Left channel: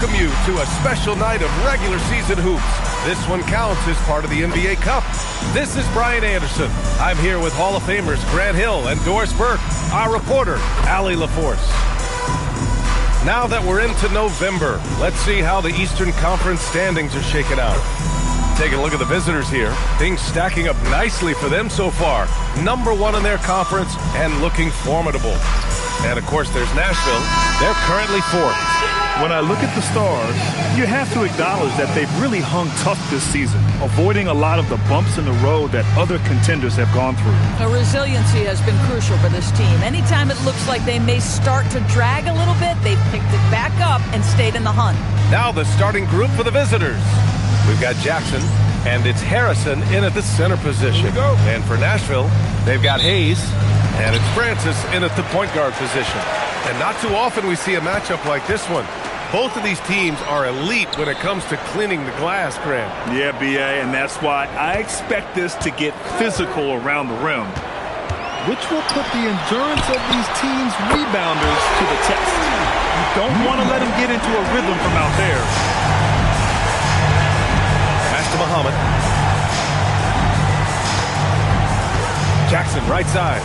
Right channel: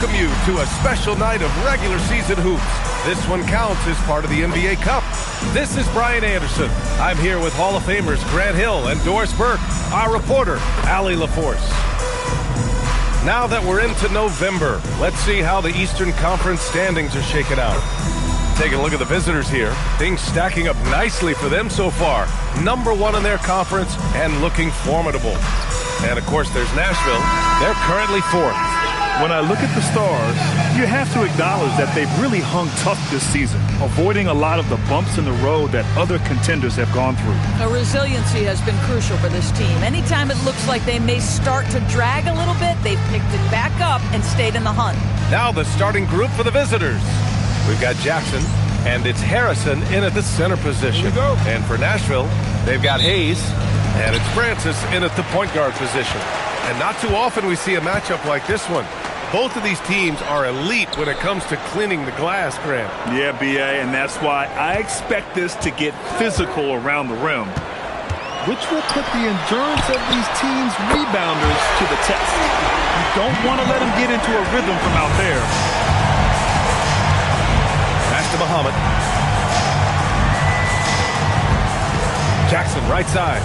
Welcome you to a special night of regular season hoops. This one counts as part of the NBA Cup. This is Brian Anderson. I'm here with Hall of Famers Grant Hill and Doris Burke, our reporter, Allie LaForce. Now that we're into November, let's see how the Eastern Conference standings are shaking out. Taking a look at the visitors here. Things stacking up nicely for them so far. #1 in their conference and looking formidable. And, of course, there's Nashville. They're currently 4th. When I look at the Stars, you have to acknowledge that they've really hung tough this season, avoiding a lot of the bumps in the road that other contenders have gone through. The resiliency has been crucial for this team. Anytime it looks like they may start to drag a little bit, they've picked it back up and stayed in the hunt. Now the starting group for the visitors. We've got Jackson, and it's Harrison in at the center position. And for Nashville, they've got Hayes, and it's Francis in at the point guard position. And not too often we see a matchup like this one. Both of these teams are elite when it comes to cleaning the glass, Grant. Yeah, B.A., and that's why I expect this to get physical around the rim, which will put the endurance of these teams' rebounders to the test. You don't want to let them get into a rhythm from out there. Pass to Muhammad. Jackson, right side.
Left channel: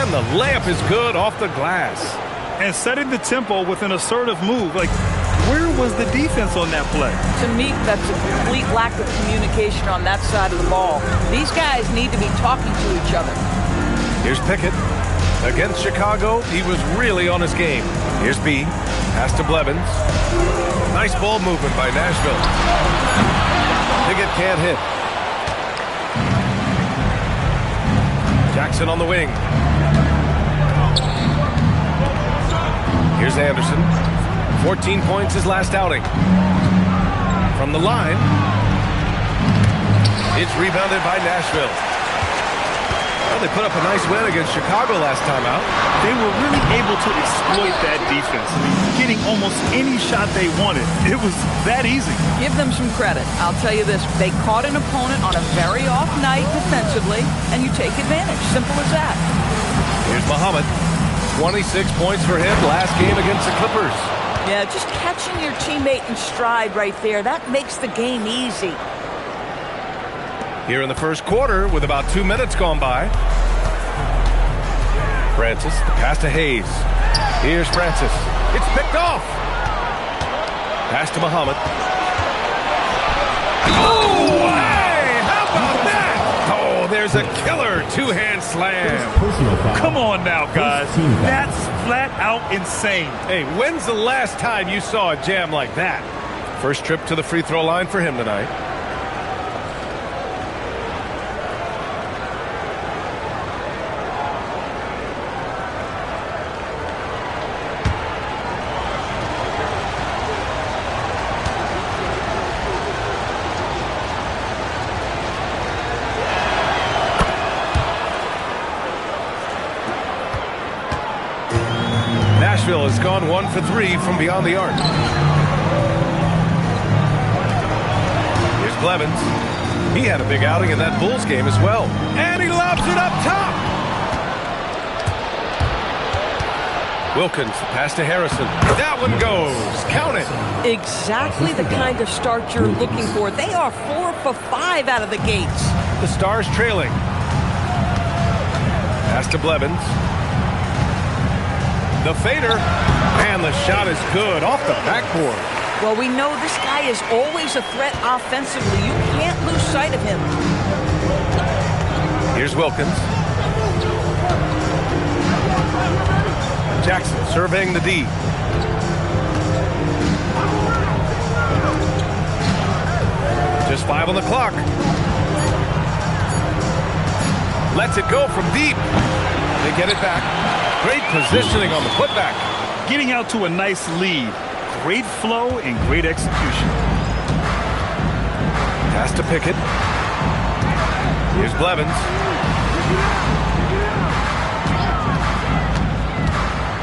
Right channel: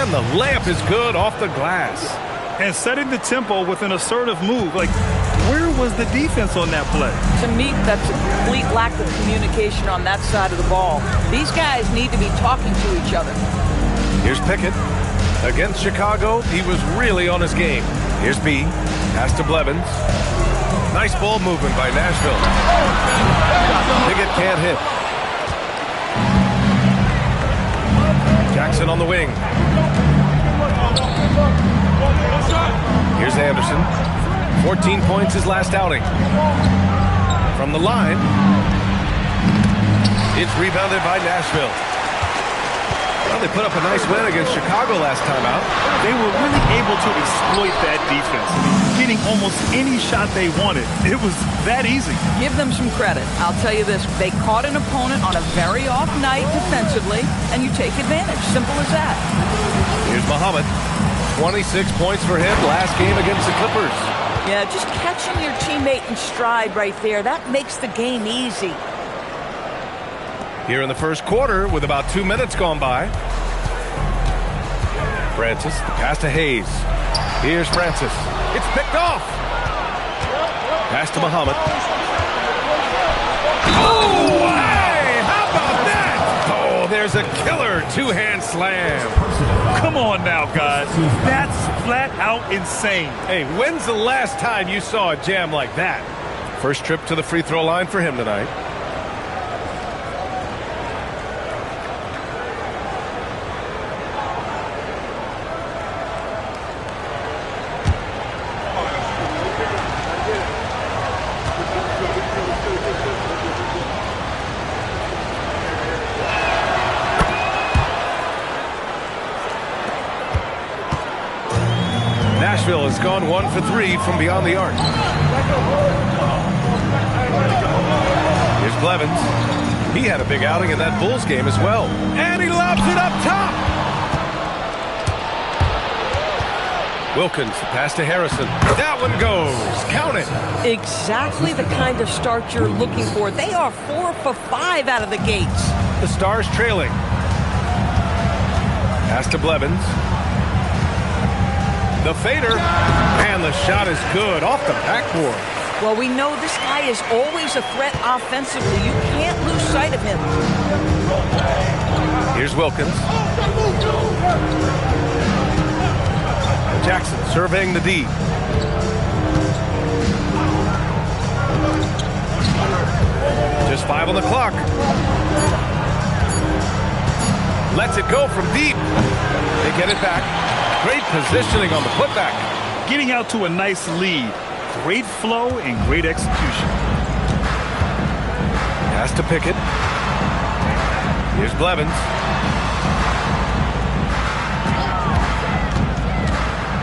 And the layup is good off the glass. And setting the tempo with an assertive move. Like, where was the defense on that play? To me, that's a complete lack of communication on that side of the ball. These guys need to be talking to each other. Here's Pickett. Against Chicago, he was really on his game. Here's B. Pass to Blevins. Nice ball movement by Nashville. Pickett can't hit. Jackson on the wing. Here's Anderson. 14 points his last outing. From the line, it's rebounded by Nashville. Well, they put up a nice win against Chicago last time out. They were really able to exploit that defense. I mean, getting almost any shot they wanted. It was that easy. Give them some credit. I'll tell you this. They caught an opponent on a very off night defensively, and you take advantage. Simple as that. Here's Muhammad. 26 points for him last game against the Clippers. Yeah, just catching your teammate in stride right there. That makes the game easy. Here in the first quarter with about 2 minutes gone by. Francis, the pass to Hayes. Here's Francis. It's picked off. Pass to Muhammad. Oh, hey, how about that? Oh, there's a killer two-hand slam. Come on now, guys. That's flat out insane. Hey, when's the last time you saw a jam like that? First trip to the free throw line for him tonight. Nashville has gone 1 for 3 from beyond the arc. Here's Blevins. He had a big outing in that Bulls game as well. And he lobs it up top. Wilkins, the pass to Harrison. That one goes. Count it. Exactly the kind of start you're looking for. They are 4 for 5 out of the gates. The Stars trailing. Pass to Blevins. The fader, and the shot is good off the backboard. Well, we know this guy is always a threat offensively. You can't lose sight of him. Here's Wilkins. Jackson surveying the D. Just 5 on the clock. Lets it go from deep. They get it back. Great positioning on the putback. Getting out to a nice lead. Great flow and great execution. Pass to Pickett. Here's Blevins.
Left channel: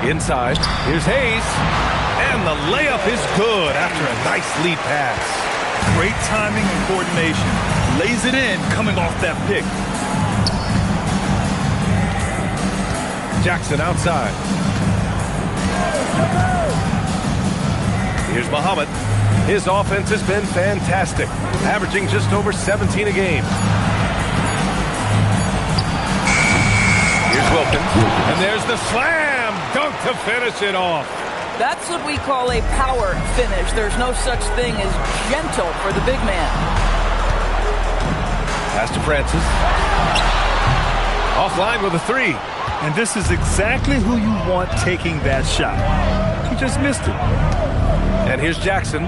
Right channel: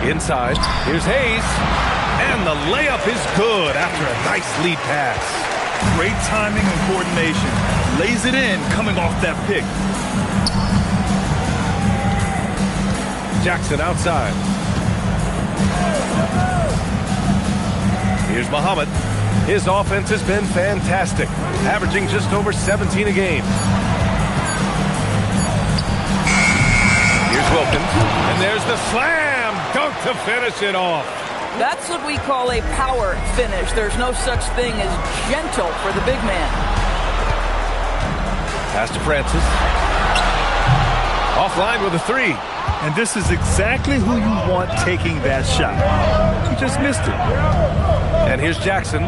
Inside. Here's Hayes. And the layup is good after a nice lead pass. Great timing and coordination. Lays it in coming off that pick. Jackson outside. Here's Muhammad. His offense has been fantastic, averaging just over 17 a game. Here's Wilkins, and there's the slam dunk to finish it off. That's what we call a power finish. There's no such thing as gentle for the big man. Pass to Francis. Offline with a three. And this is exactly who you want taking that shot. He just missed it. And here's Jackson.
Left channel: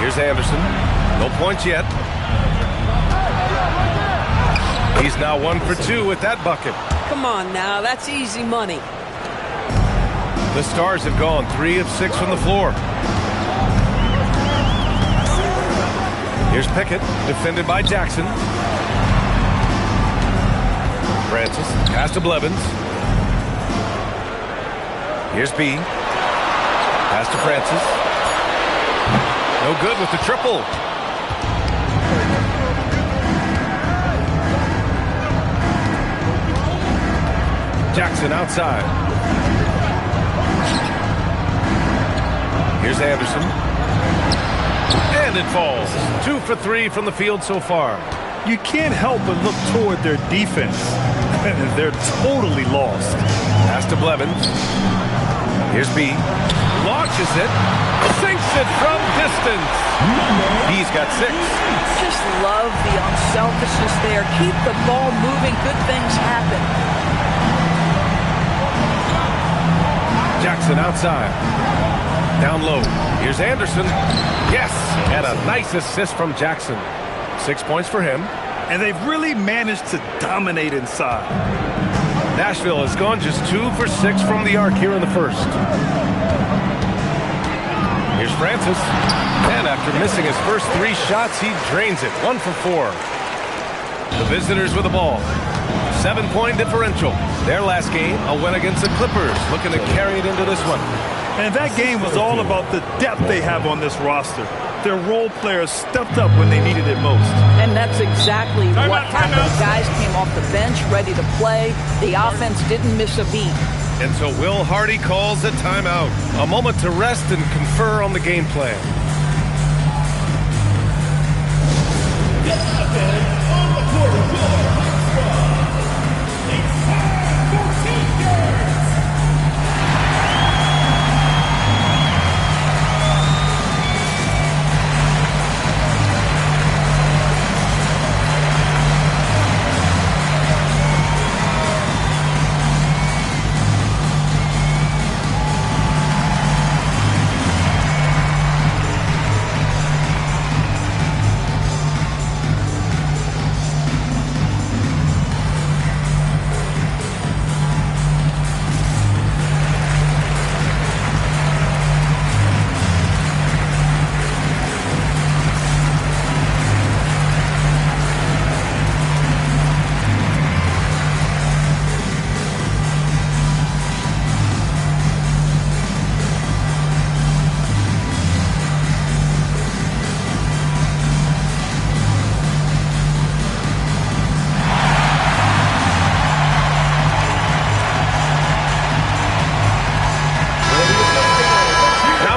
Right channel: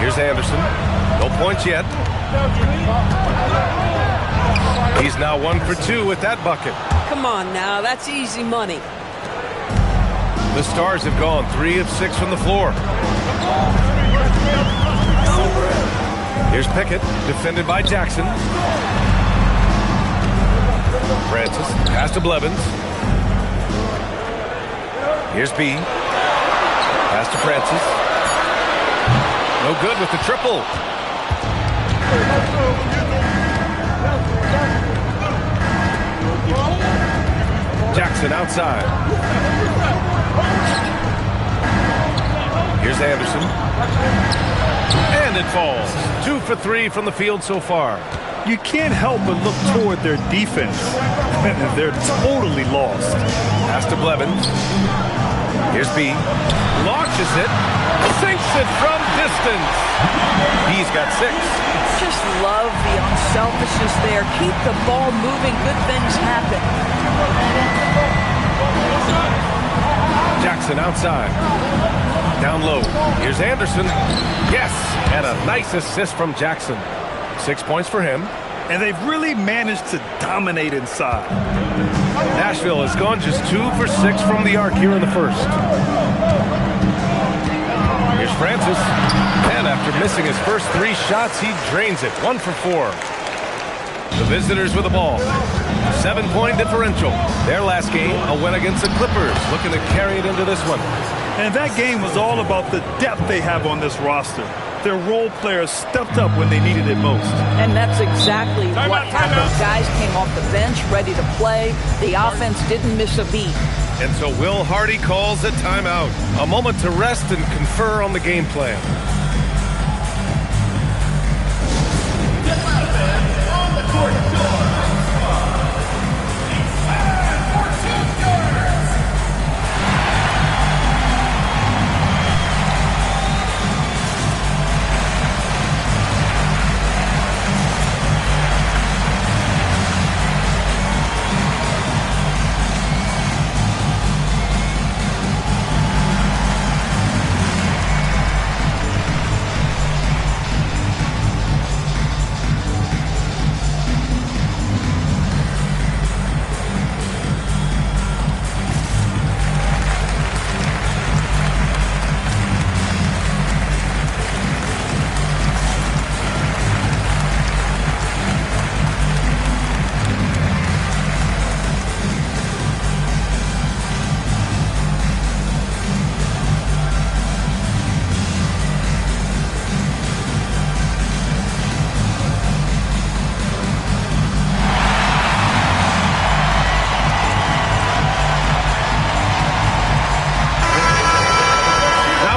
Here's Anderson. No points yet. He's now 1 for 2 with that bucket. Come on now, that's easy money. The Stars have gone 3 of 6 from the floor. Here's Pickett, defended by Jackson. Francis, pass to Blevins. Here's B. Pass to Francis. No good with the triple. Jackson outside. Here's Anderson. And it falls. 2 for 3 from the field so far. You can't help but look toward their defense. They're totally lost. Pass to Blevins. Here's B. Launches it. Sinks it from distance. B's got 6. Just love the unselfishness there. Keep the ball moving. Good things happen. Jackson outside. Down low. Here's Anderson. Yes, and a nice assist from Jackson. 6 points for him. And they've really managed to dominate inside. Nashville has gone just 2 for 6 from the arc here in the first. Here's Francis. And after missing his first 3 shots, he drains it. 1 for 4. The visitors with the ball. 7-point differential. Their last game, a win against the Clippers, looking to carry it into this one. And that game was all about the depth they have on this roster. Their role players stepped up when they needed it most. And that's exactly what happened. Guys came off the bench ready to play. The offense didn't miss a beat. And so Will Hardy calls a timeout. A moment to rest and confer on the game plan.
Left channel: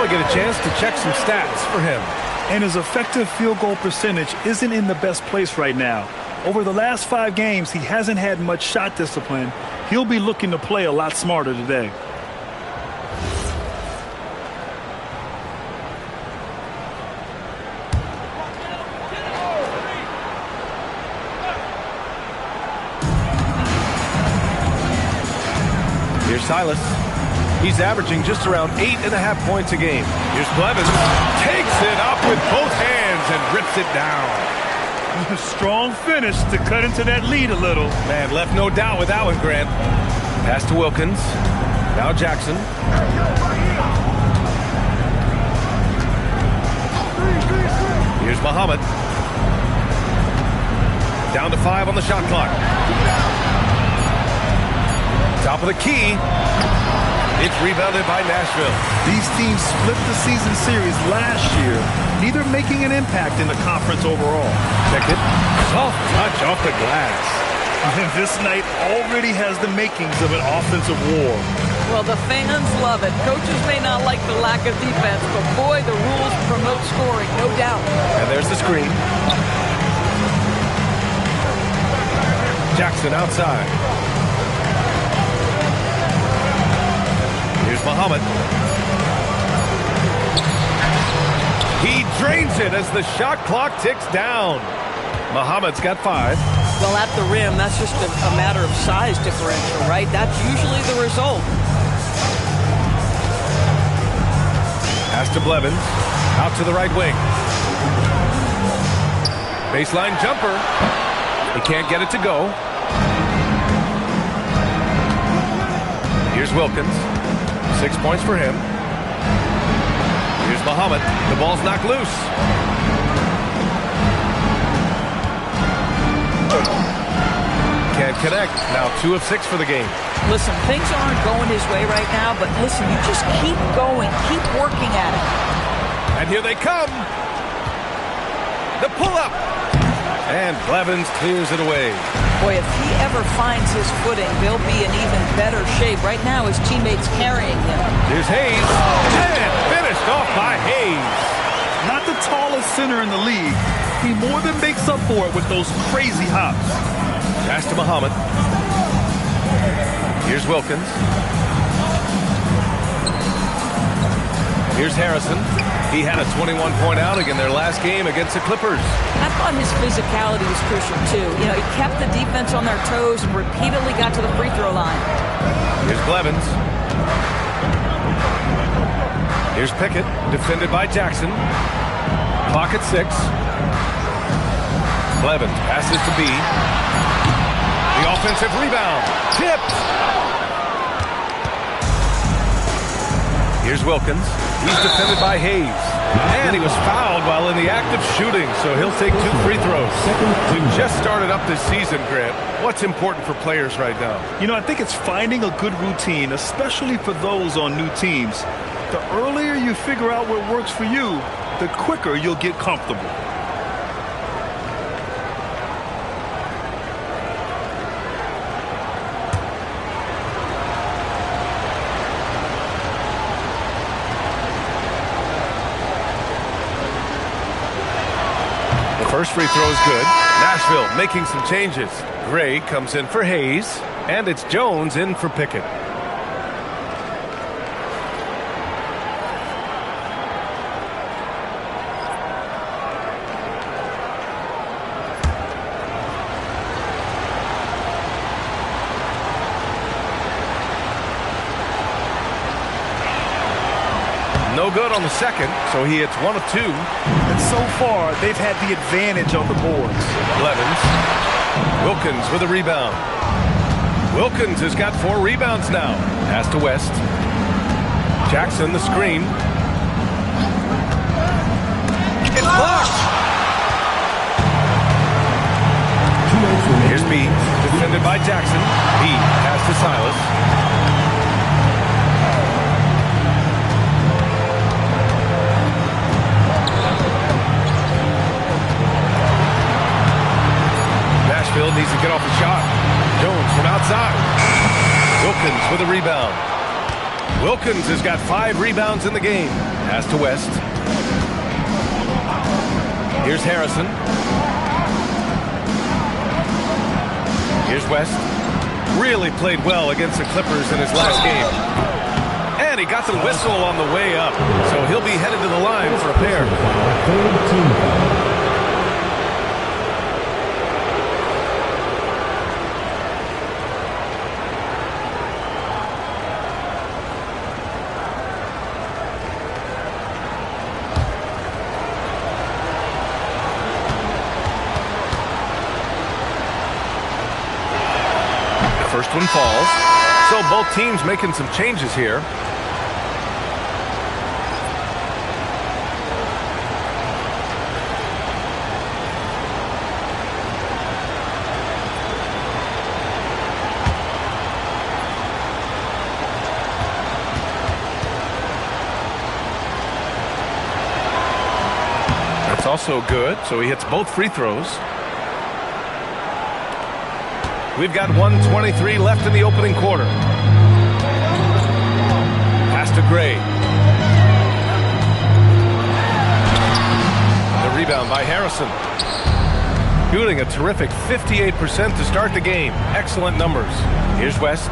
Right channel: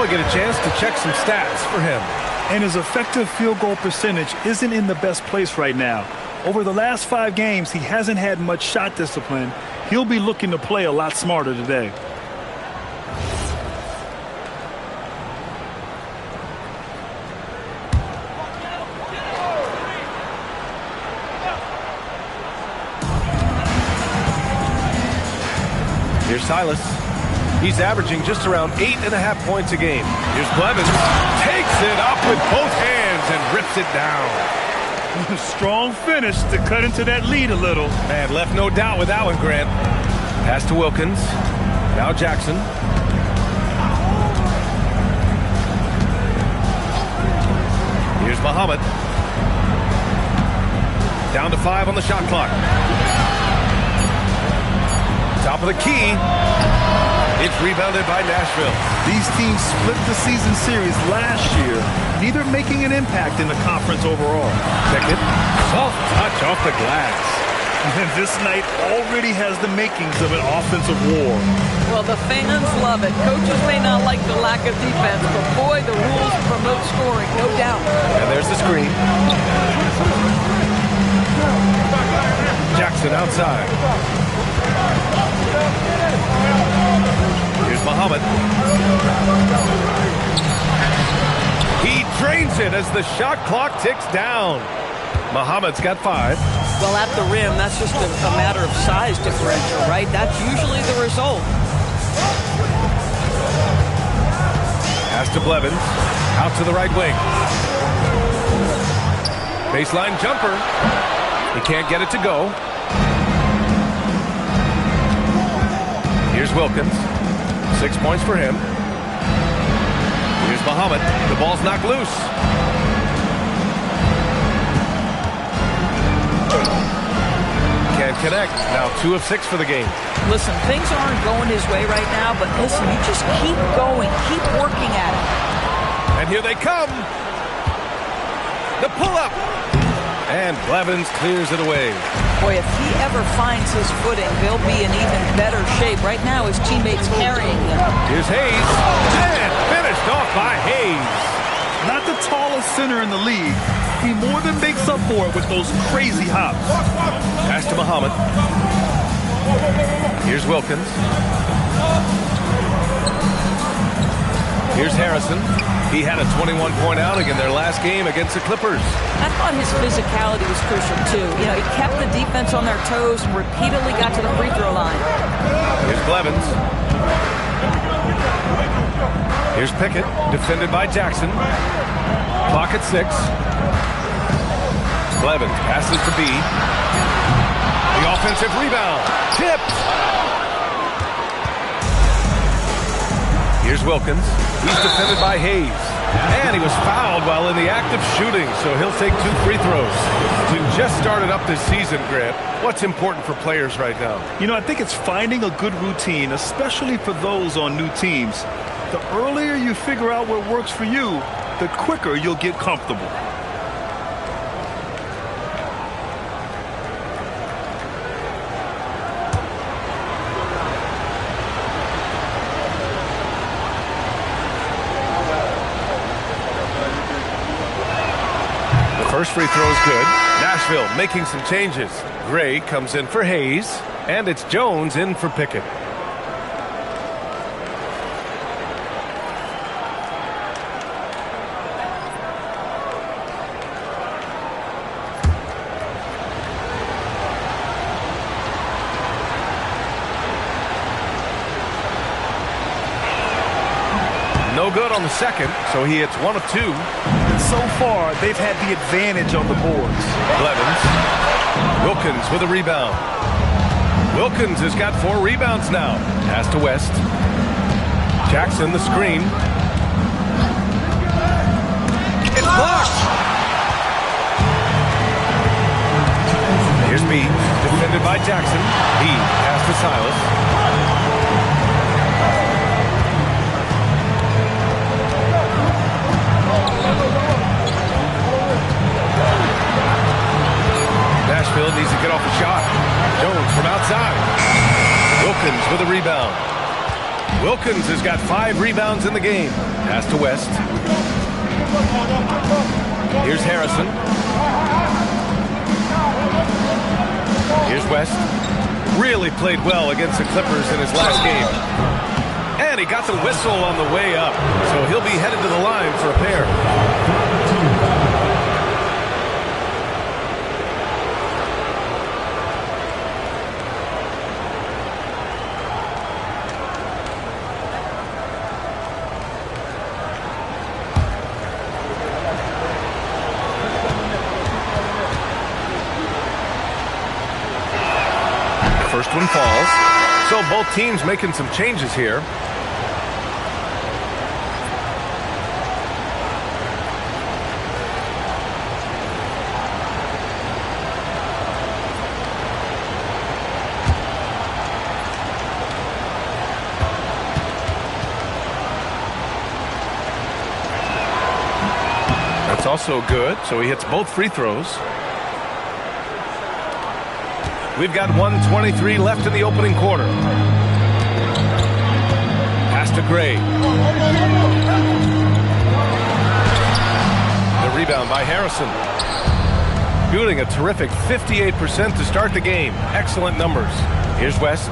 Get a chance to check some stats for him. And his effective field goal percentage isn't in the best place right now. Over the last 5 games, he hasn't had much shot discipline. He'll be looking to play a lot smarter today. Here's Silas. He's averaging just around 8.5 points a game. Here's Blevins. Takes it up with both hands and rips it down. Strong finish to cut into that lead a little. Man, left no doubt with that one, Grant. Pass to Wilkins. Now Jackson. Here's Muhammad. Down to 5 on the shot clock. Top of the key. It's rebounded by Nashville. These teams split the season series last year, neither making an impact in the conference overall. Pickett, soft touch off the glass. And this night already has the makings of an offensive war. Well, the fans love it. Coaches may not like the lack of defense, but boy, the rules promote scoring, no doubt. And there's the screen. Jackson outside. Here's Muhammad. He drains it as the shot clock ticks down. Muhammad's got 5. Well, at the rim, that's just a matter of size differential, right? That's usually the result. Pass to Blevins. Out to the right wing. Baseline jumper. He can't get it to go. Here's Wilkins. 6 points for him. Here's Muhammad. The ball's knocked loose. Can't connect. Now 2 of 6 for the game. Listen, things aren't going his way right now, but listen, you just keep going. Keep working at it. And here they come. The pull-up. And Blevins clears it away. Boy, if he ever finds his footing, they'll be in even better shape. Right now, his teammates carrying him. Here's Hayes. And finished off by Hayes. Not the tallest center in the league. He more than makes up for it with those crazy hops. Pass to Muhammad. Here's Wilkins. Here's Harrison. He had a 21-point outing in their last game against the Clippers. I thought his physicality was crucial, too. You know, he kept the defense on their toes and repeatedly got to the free throw line. Here's Blevins. Here's Pickett, defended by Jackson. Clock at 6. Blevins passes to B. The offensive rebound. Tipped. Here's Wilkins. He's defended by Hayes. And he was fouled while in the act of shooting, so he'll take 2 free throws. We've just started up this season, Grant. What's important for players right now? You know, I think it's finding a good routine, especially for those on new teams. The earlier you figure out what works for you, the quicker you'll get comfortable. First free throw is good. Nashville making some changes. Gray comes in for Hayes, and it's Jones in for Pickett. No good on the second, so he hits 1 of 2. And so far, they've had the advantage on the boards. Blevins. Wilkins with a rebound. Wilkins has got 4 rebounds now. Pass to West. Jackson, the screen. It's blocked. Here's B, defended by Jackson. B, pass to Silas. Nashville needs to get off the shot. Jones from outside. Wilkins with a rebound. Wilkins has got 5 rebounds in the game. Pass to West. Here's Harrison. Here's West. Really played well against the Clippers in his last game. And he got the whistle on the way up. So he'll be headed to the line for a pair. First one falls. So both teams making some changes here. That's also good. So he hits both free throws. We've got 1:23 left in the opening quarter. to Gray. The rebound by Harrison. Shooting a terrific 58% to start the game. Excellent numbers. Here's West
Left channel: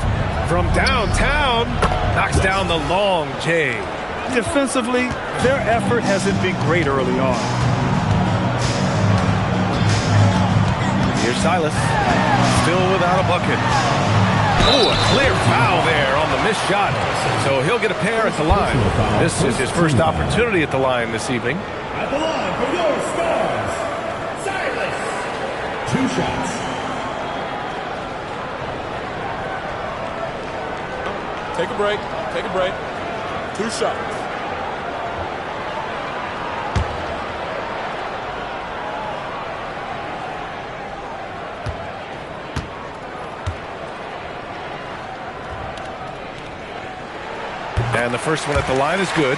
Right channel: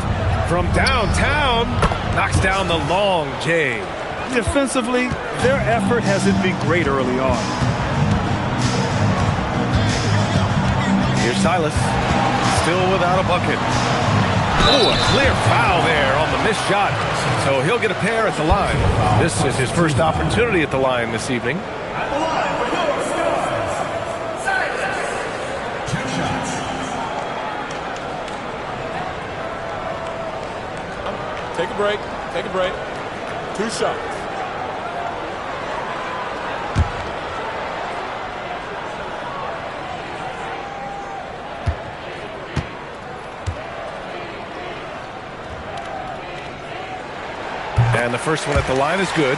from downtown. Knocks down the long J. Defensively, their effort hasn't been great early on. Here's Silas. Still without a bucket. Oh, a clear foul there on the missed shot. So he'll get a pair at the line. This is his first opportunity at the line this evening. At the line for your stars, Silas. 2 shots. Take a break. Take a break. 2 shots. And the first one at the line is good.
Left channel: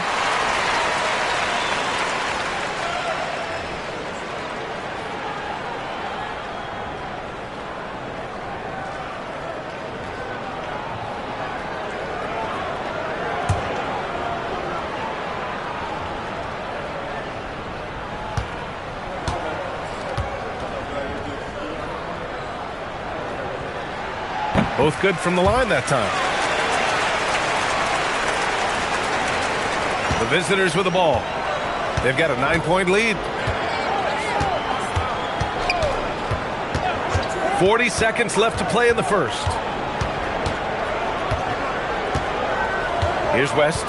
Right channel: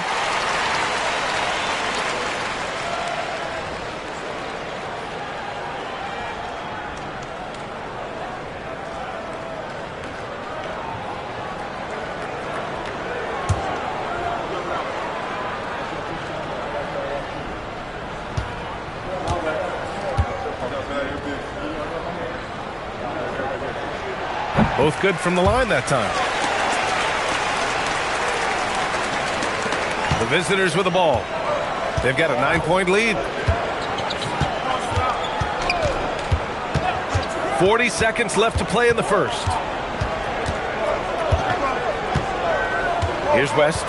Both good from the line that time. The visitors with the ball. They've got a 9-point lead. 40 seconds left to play in the first. Here's West.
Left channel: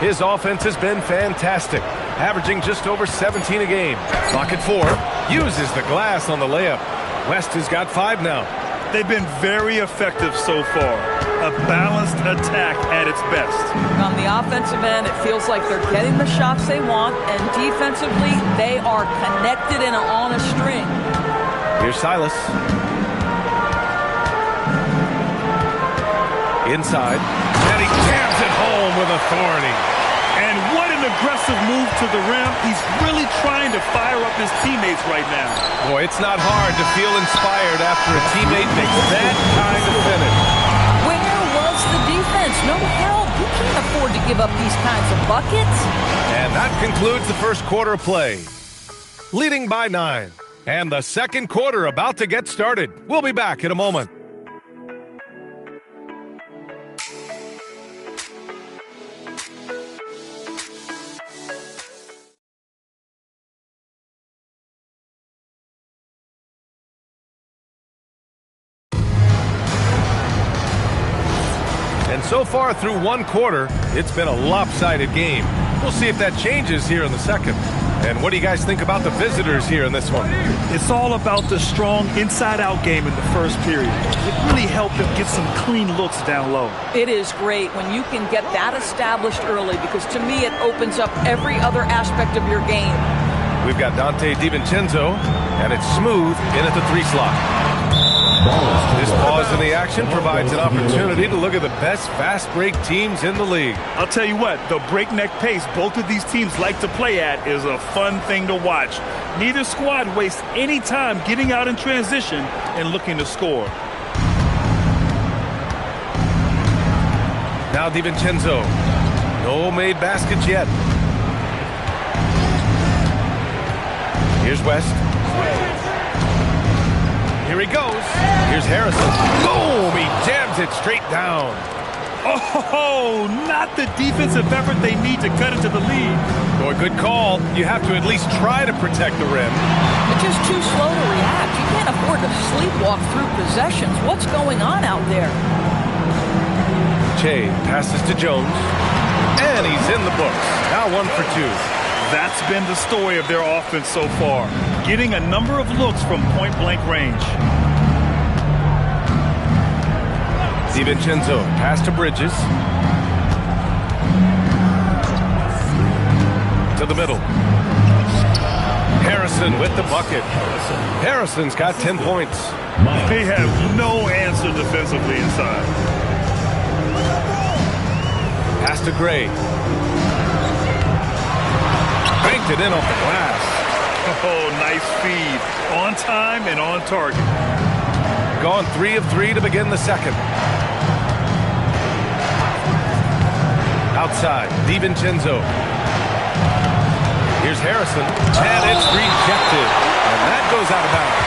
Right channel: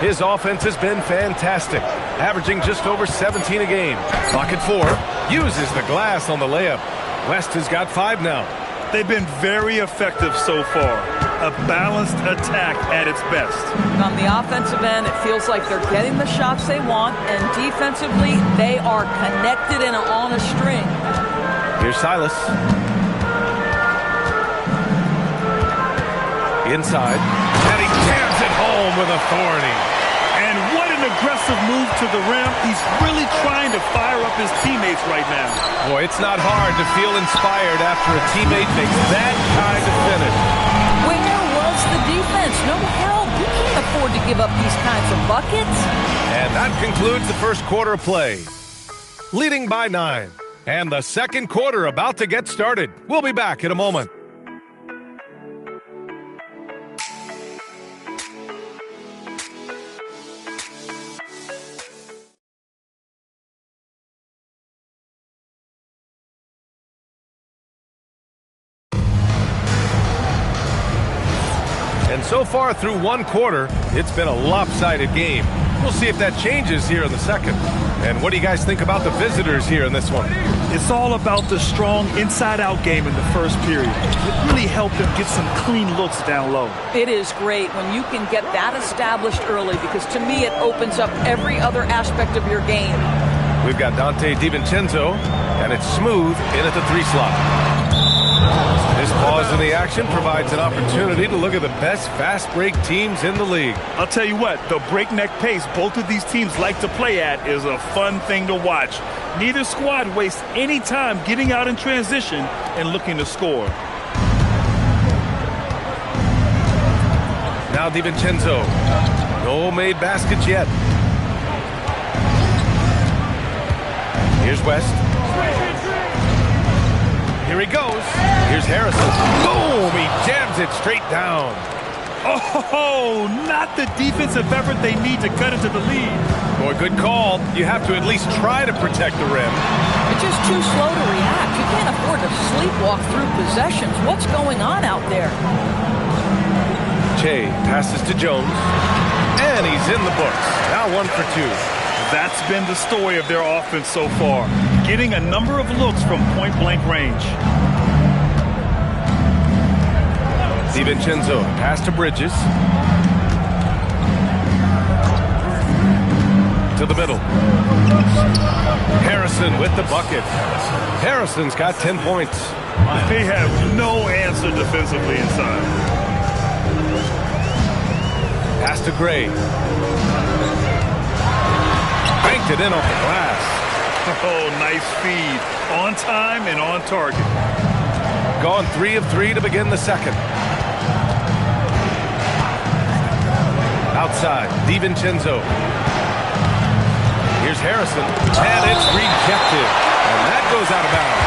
His offense has been fantastic, averaging just over 17 a game. Clock at 4. Uses the glass on the layup. West has got 5 now. They've been very effective so far. A balanced attack at its best. On the offensive end, it feels like they're getting the shots they want, and defensively, they are connected and on a string. Here's Silas. Inside. And he jams it home with authority. And what an aggressive move to the rim. He's really trying to fire up his teammates right now. Boy, it's not hard to feel inspired after a teammate makes that kind of finish. Where was the defense? No help. You can't afford to give up these kinds of buckets. And that concludes the first quarter of play. Leading by 9. And the second quarter about to get started. We'll be back in a moment. And so far through one quarter, it's been a lopsided game. We'll see if that changes here in the second. And what do you guys think about the visitors here in this one? It's all about the strong inside-out game in the first period. It really helped them get some clean looks down low. It is great when you can get that established early, because to me it opens up every other aspect of your game. We've got Dante DiVincenzo, and it's smooth in at the 3 slot. This pause in the action provides an opportunity to look at the best fast break teams in the league. I'll tell you what, the breakneck pace both of these teams like to play at is a fun thing to watch. Neither squad wastes any time getting out in transition and looking to score. Now DiVincenzo. No made baskets yet. Here's West. Here he goes. Here's Harrison. Boom! He jams it straight down. Oh, not the defensive effort they need to cut into the lead. Boy, good call. You have to at least try to protect the rim. You're just too slow to react. You can't afford to sleepwalk through possessions. What's going on out there? Che passes to Jones. And he's in the books. Now 1 for 2. That's been the story of their offense so far. Getting a number of looks from point-blank range. DiVincenzo pass to Bridges. To the middle. Harrison with the bucket. Harrison's got 10 points. They have no answer defensively inside. Pass to Gray. Banked it in off the glass. Oh, nice feed. On time and on target. Gone 3 of 3 to begin the second. Outside, DiVincenzo. Here's Harrison, and it's rejected. And that goes out of bounds.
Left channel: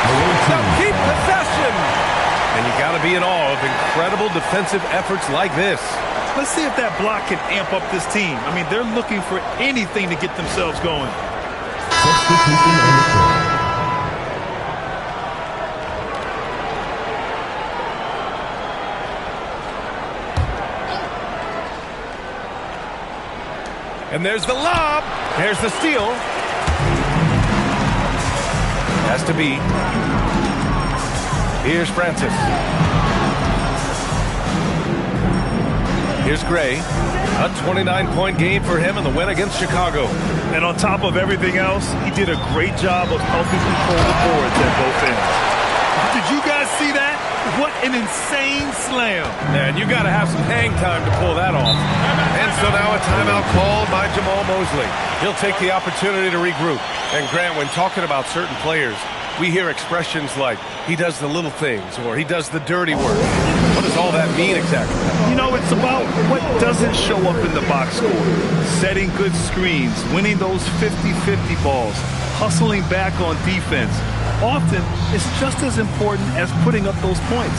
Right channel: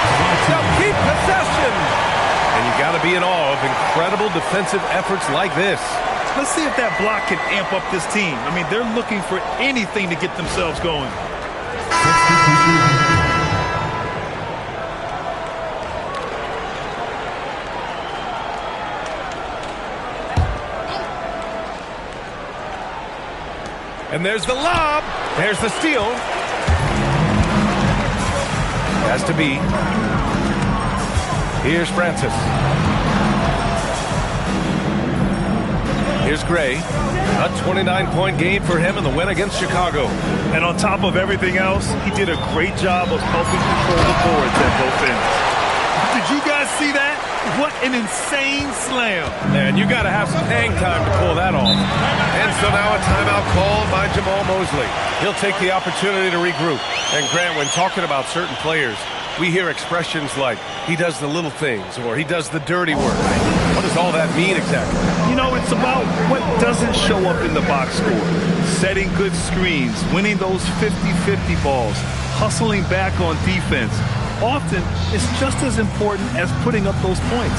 They'll keep possession. And you got to be in awe of incredible defensive efforts like this. Let's see if that block can amp up this team. I mean, they're looking for anything to get themselves going. And there's the lob. There's the steal. Has to be. Here's Francis. Here's Gray. A 29-point game for him in the win against Chicago. And on top of everything else, he did a great job of helping control the boards at both ends. Did you guys see that? What an insane slam. Man, you got to have some hang time to pull that off. And so now a timeout called by Jamal Mosley. He'll take the opportunity to regroup. And Grant, when talking about certain players, we hear expressions like, he does the little things, or he does the dirty work. What does all that mean exactly? You know, it's about what doesn't show up in the box score. Setting good screens, winning those 50-50 balls, hustling back on defense. Often, it's just as important as putting up those points.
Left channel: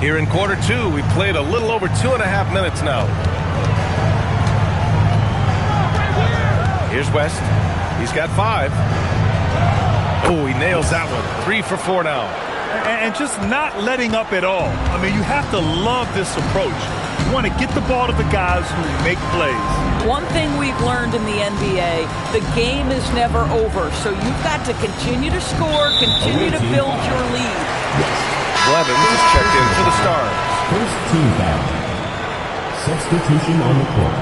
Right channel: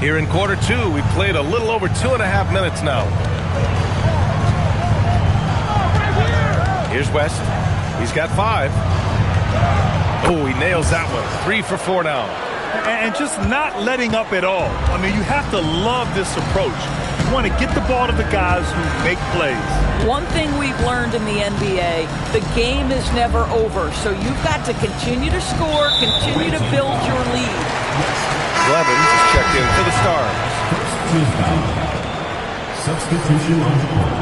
Here in quarter two, we've played a little over 2.5 minutes now. Here's West. He's got 5. Oh, he nails that one. 3 for 4 now. And just not letting up at all. I mean, you have to love this approach. You want to get the ball to the guys who make plays. One thing we've learned in the NBA, the game is never over. So you've got to continue to score, continue to build your lead. Blevins is checked in for the Stars. First team foul. Substitution on the court.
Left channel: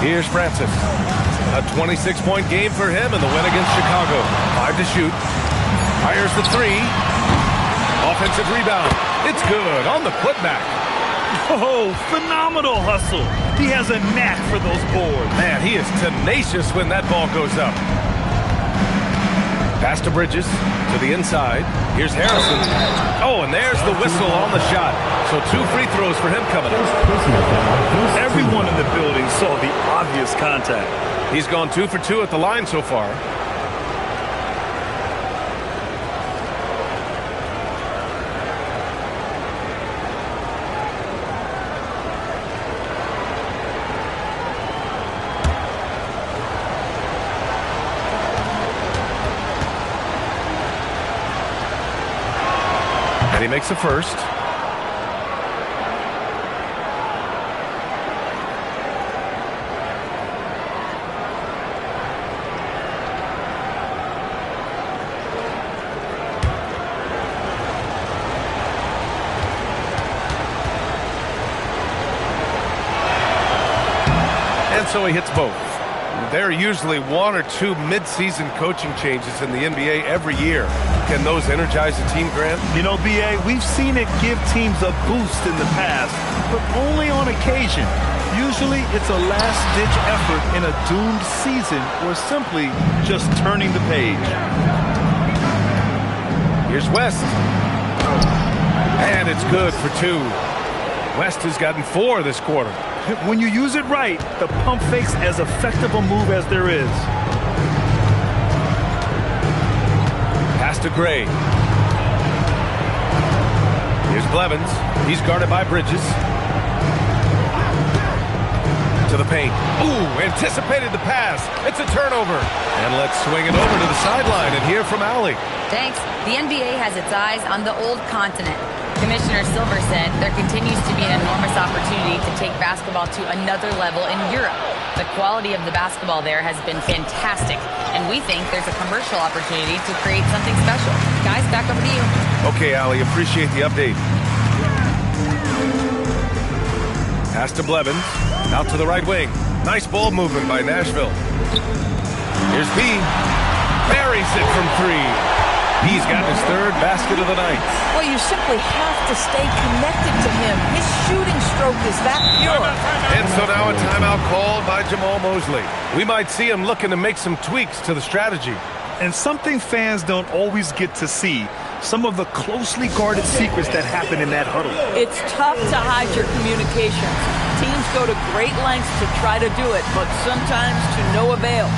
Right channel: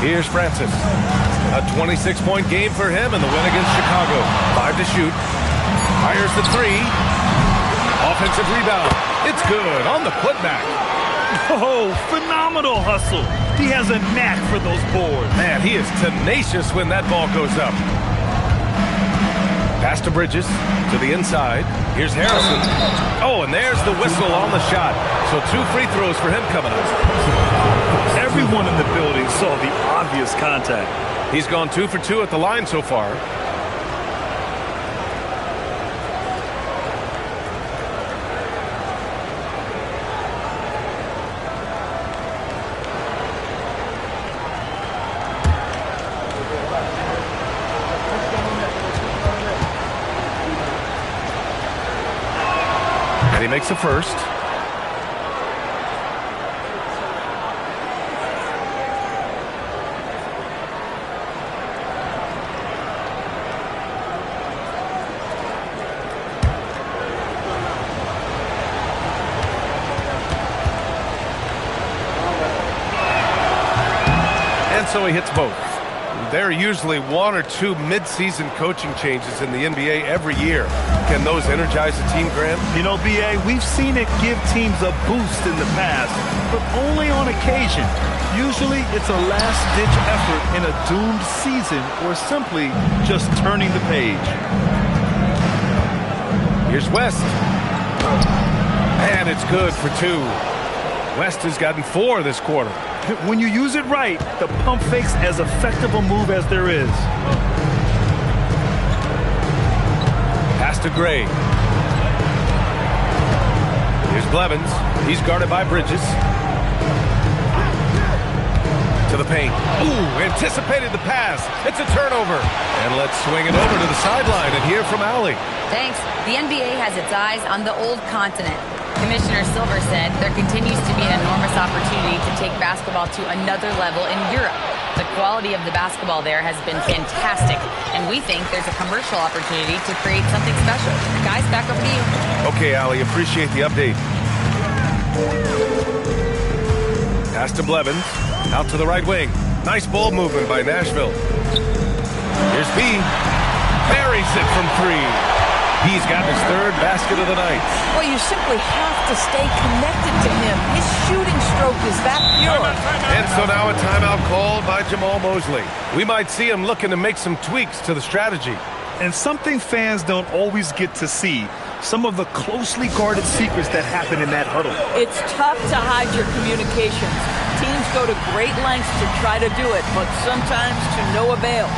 Here's Francis. A 26-point game for him in the win against Chicago. 5 to shoot. Fires the 3. Offensive rebound. It's good on the putback. Oh, phenomenal hustle. He has a knack for those boards. Man, he is tenacious when that ball goes up. Pass to Bridges, to the inside. Here's Harrison. Oh, and there's the whistle on the shot. So 2 free throws for him coming up. Everyone in the building saw the obvious contact. He's gone 2 for 2 at the line so far. And he makes the first. And so he hits both. There are usually 1 or 2 mid-season coaching changes in the NBA every year. Can those energize a team, Grant? You know, B.A., we've seen it give teams a boost in the past, but only on occasion. Usually it's a last-ditch effort in a doomed season or simply just turning the page. Here's West. And it's good for 2. West has gotten 4 this quarter. When you use it right, the pump fake's as effective a move as there is. Pass to Gray. Here's Blevins. He's guarded by Bridges. To the paint. Ooh, anticipated the pass. It's a turnover. And let's swing it over to the sideline and hear from Allie. Thanks. The NBA has its eyes on the old continent. Commissioner Silver said there continues to be an enormous opportunity to take basketball to another level in Europe. The quality of the basketball there has been fantastic, and we think there's a commercial opportunity to create something special. Guys, back over to you. Okay, Allie, appreciate the update. Pass to Blevins. Out to the right wing. Nice ball movement by Nashville. Here's B. Buries it from 3. He's gotten his 3rd basket of the night. Well, you simply have to stay connected to him. His shooting stroke is that pure. And so now a timeout called by Jamal Mosley. We might see him looking to make some tweaks to the strategy. And something fans don't always get to see, some of the closely guarded secrets that happen in that huddle. It's tough to hide your communications. Teams go to great lengths to try to do it, but sometimes to no avail.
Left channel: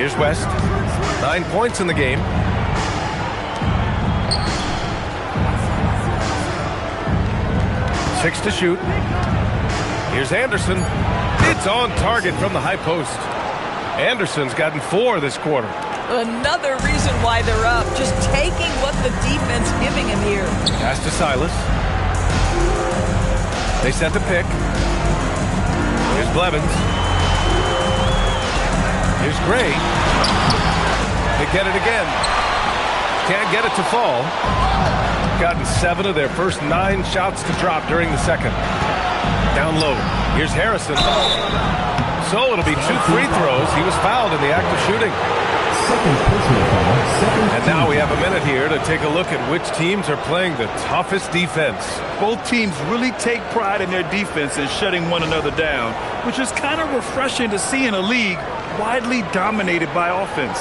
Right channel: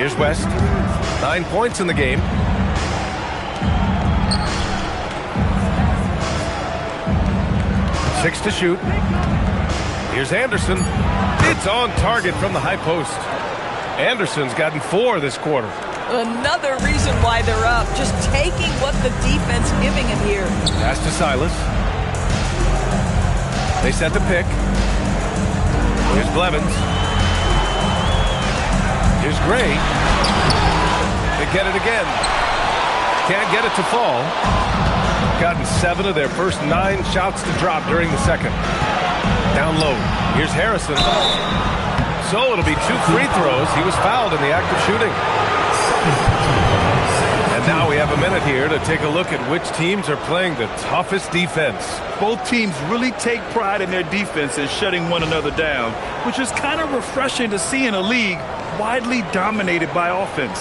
Here's West. 9 points in the game. Six to shoot. Here's Anderson. It's on target from the high post. Anderson's gotten 4 this quarter. Another reason why they're up. Just taking what the defense giving him here. Pass to Silas. They set the pick. Here's Blevins. Here's Gray. They get it again. Can't get it to fall. Gotten 7 of their first 9 shots to drop during the second. Down low. Here's Harrison. So it'll be 2 free throws. He was fouled in the act of shooting. And now we have a minute here to take a look at which teams are playing the toughest defense. Both teams really take pride in their defense and shutting one another down, which is kind of refreshing to see in a league widely dominated by offense.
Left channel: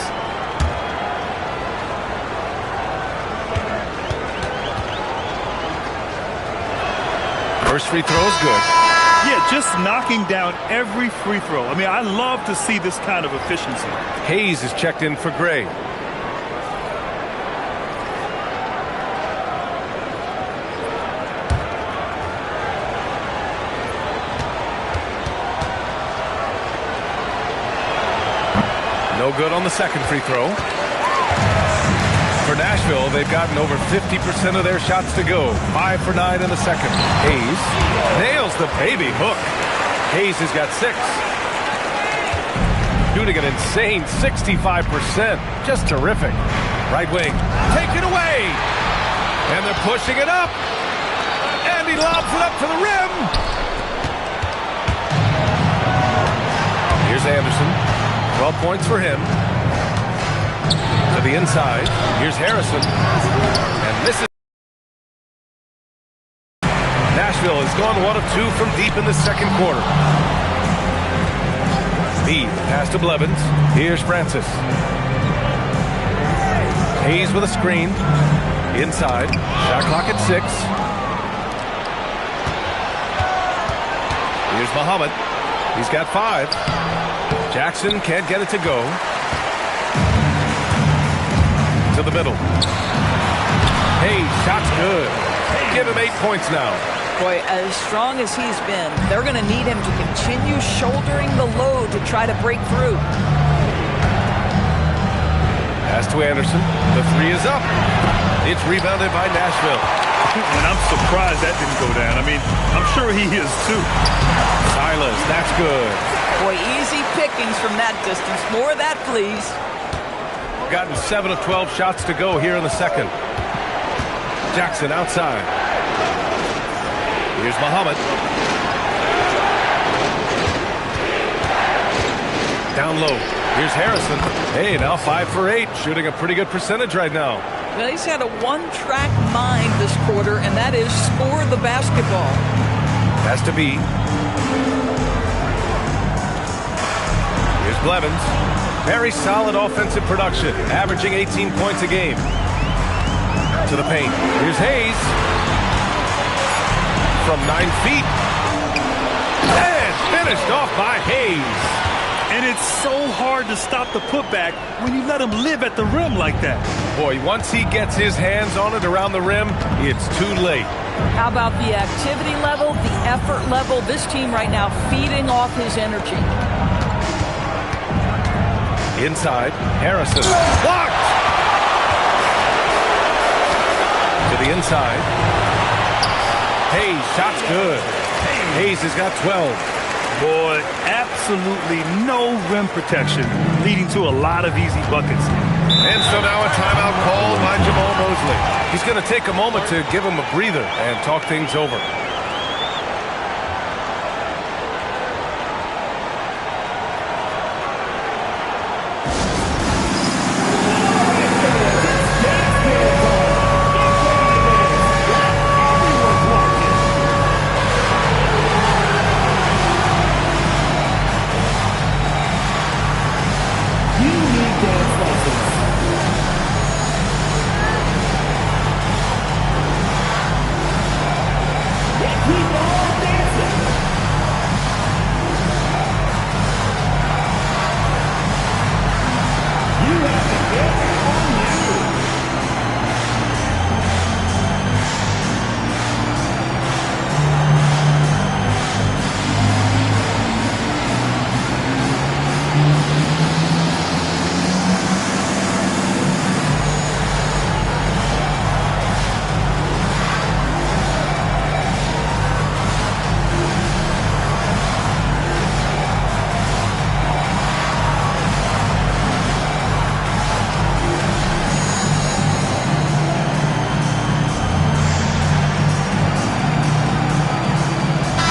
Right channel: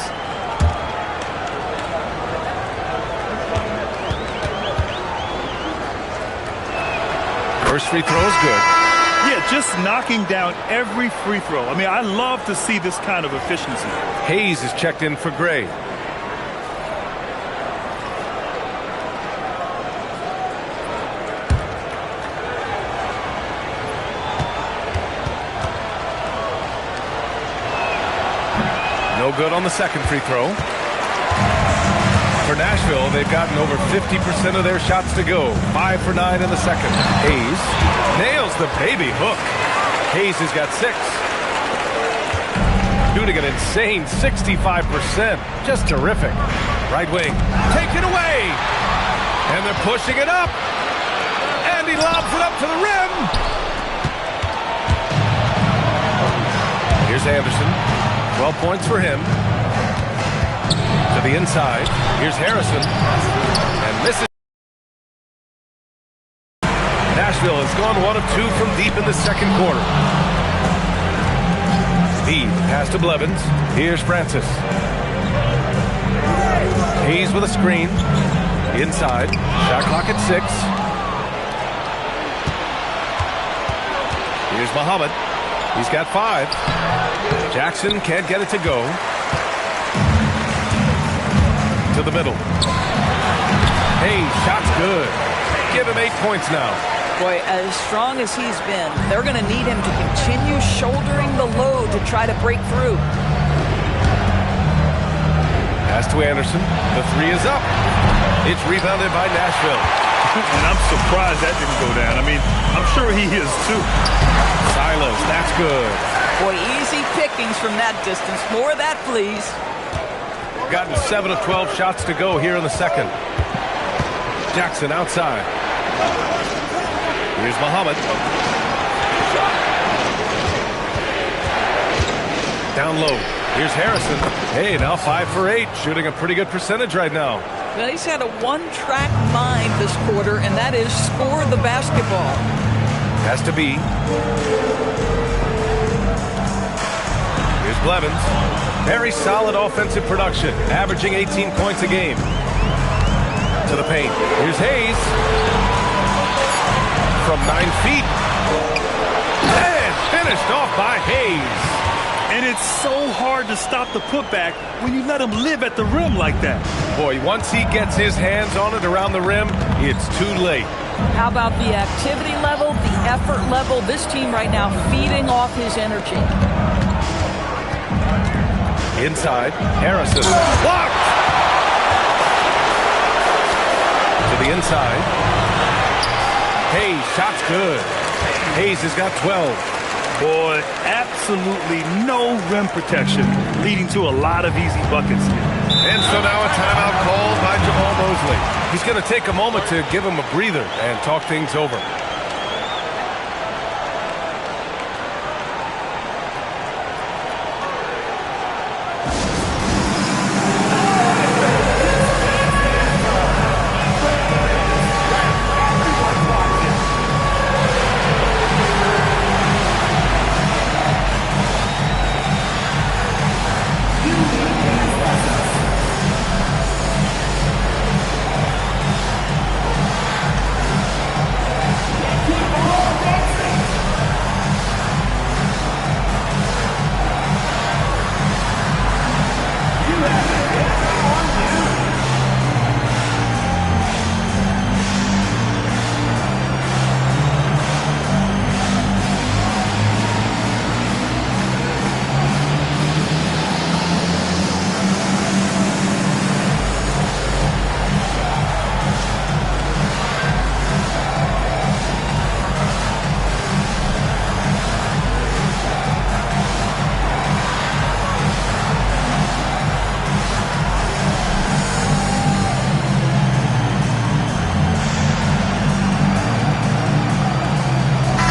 First free throw is good. Yeah, just knocking down every free throw. I mean, I love to see this kind of efficiency. Hayes is checked in for Gray. No good on the second free throw. For Nashville, they've gotten over 50% of their shots to go. 5 for 9 in the second. Hayes nails the baby hook. Hayes has got 6. Shooting an insane 65%. Just terrific. Right wing. Taken away. And they're pushing it up. And he lobs it up to the rim. Here's Anderson. 12 points for him. To the inside. Here's Harrison. And misses. Nashville has gone 1 of 2 from deep in the second quarter. Speed. Pass to Blevins. Here's Francis. Hayes with a screen. Inside. Shot clock at 6. Here's Muhammad. He's got 5. Jackson can't get it to go. To the middle. Hayes, shot's good. Give him 8 points now. Boy, as strong as he's been, they're going to need him to continue shouldering the load to try to break through. Pass to Anderson. The 3 is up. It's rebounded by Nashville. And I'm surprised that didn't go down. I mean, I'm sure he is too. Silas, that's good. Boy, easy pickings from that distance. More of that, please. Gotten 7 of 12 shots to go here in the second. Jackson outside. Here's Muhammad. Down low. Here's Harrison. Hey, now 5 for 8. Shooting a pretty good percentage right now. Well, he's had a one-track mind this quarter, and that is score the basketball. Has to be. Here's Blevins. Very solid offensive production, averaging 18 points a game. To the paint. Here's Hayes. From 9 feet. And finished off by Hayes. And it's so hard to stop the putback when you let him live at the rim like that. Boy, once he gets his hands on it around the rim, it's too late. How about the activity level, the effort level? This team right now feeding off his energy. Inside, Harrison. Blocked! To the inside. Hayes, shot's good. Hayes has got 12. Boy, absolutely no rim protection, leading to a lot of easy buckets here. And so now a timeout called by Jamal Mosley. He's going to take a moment to give him a breather and talk things over.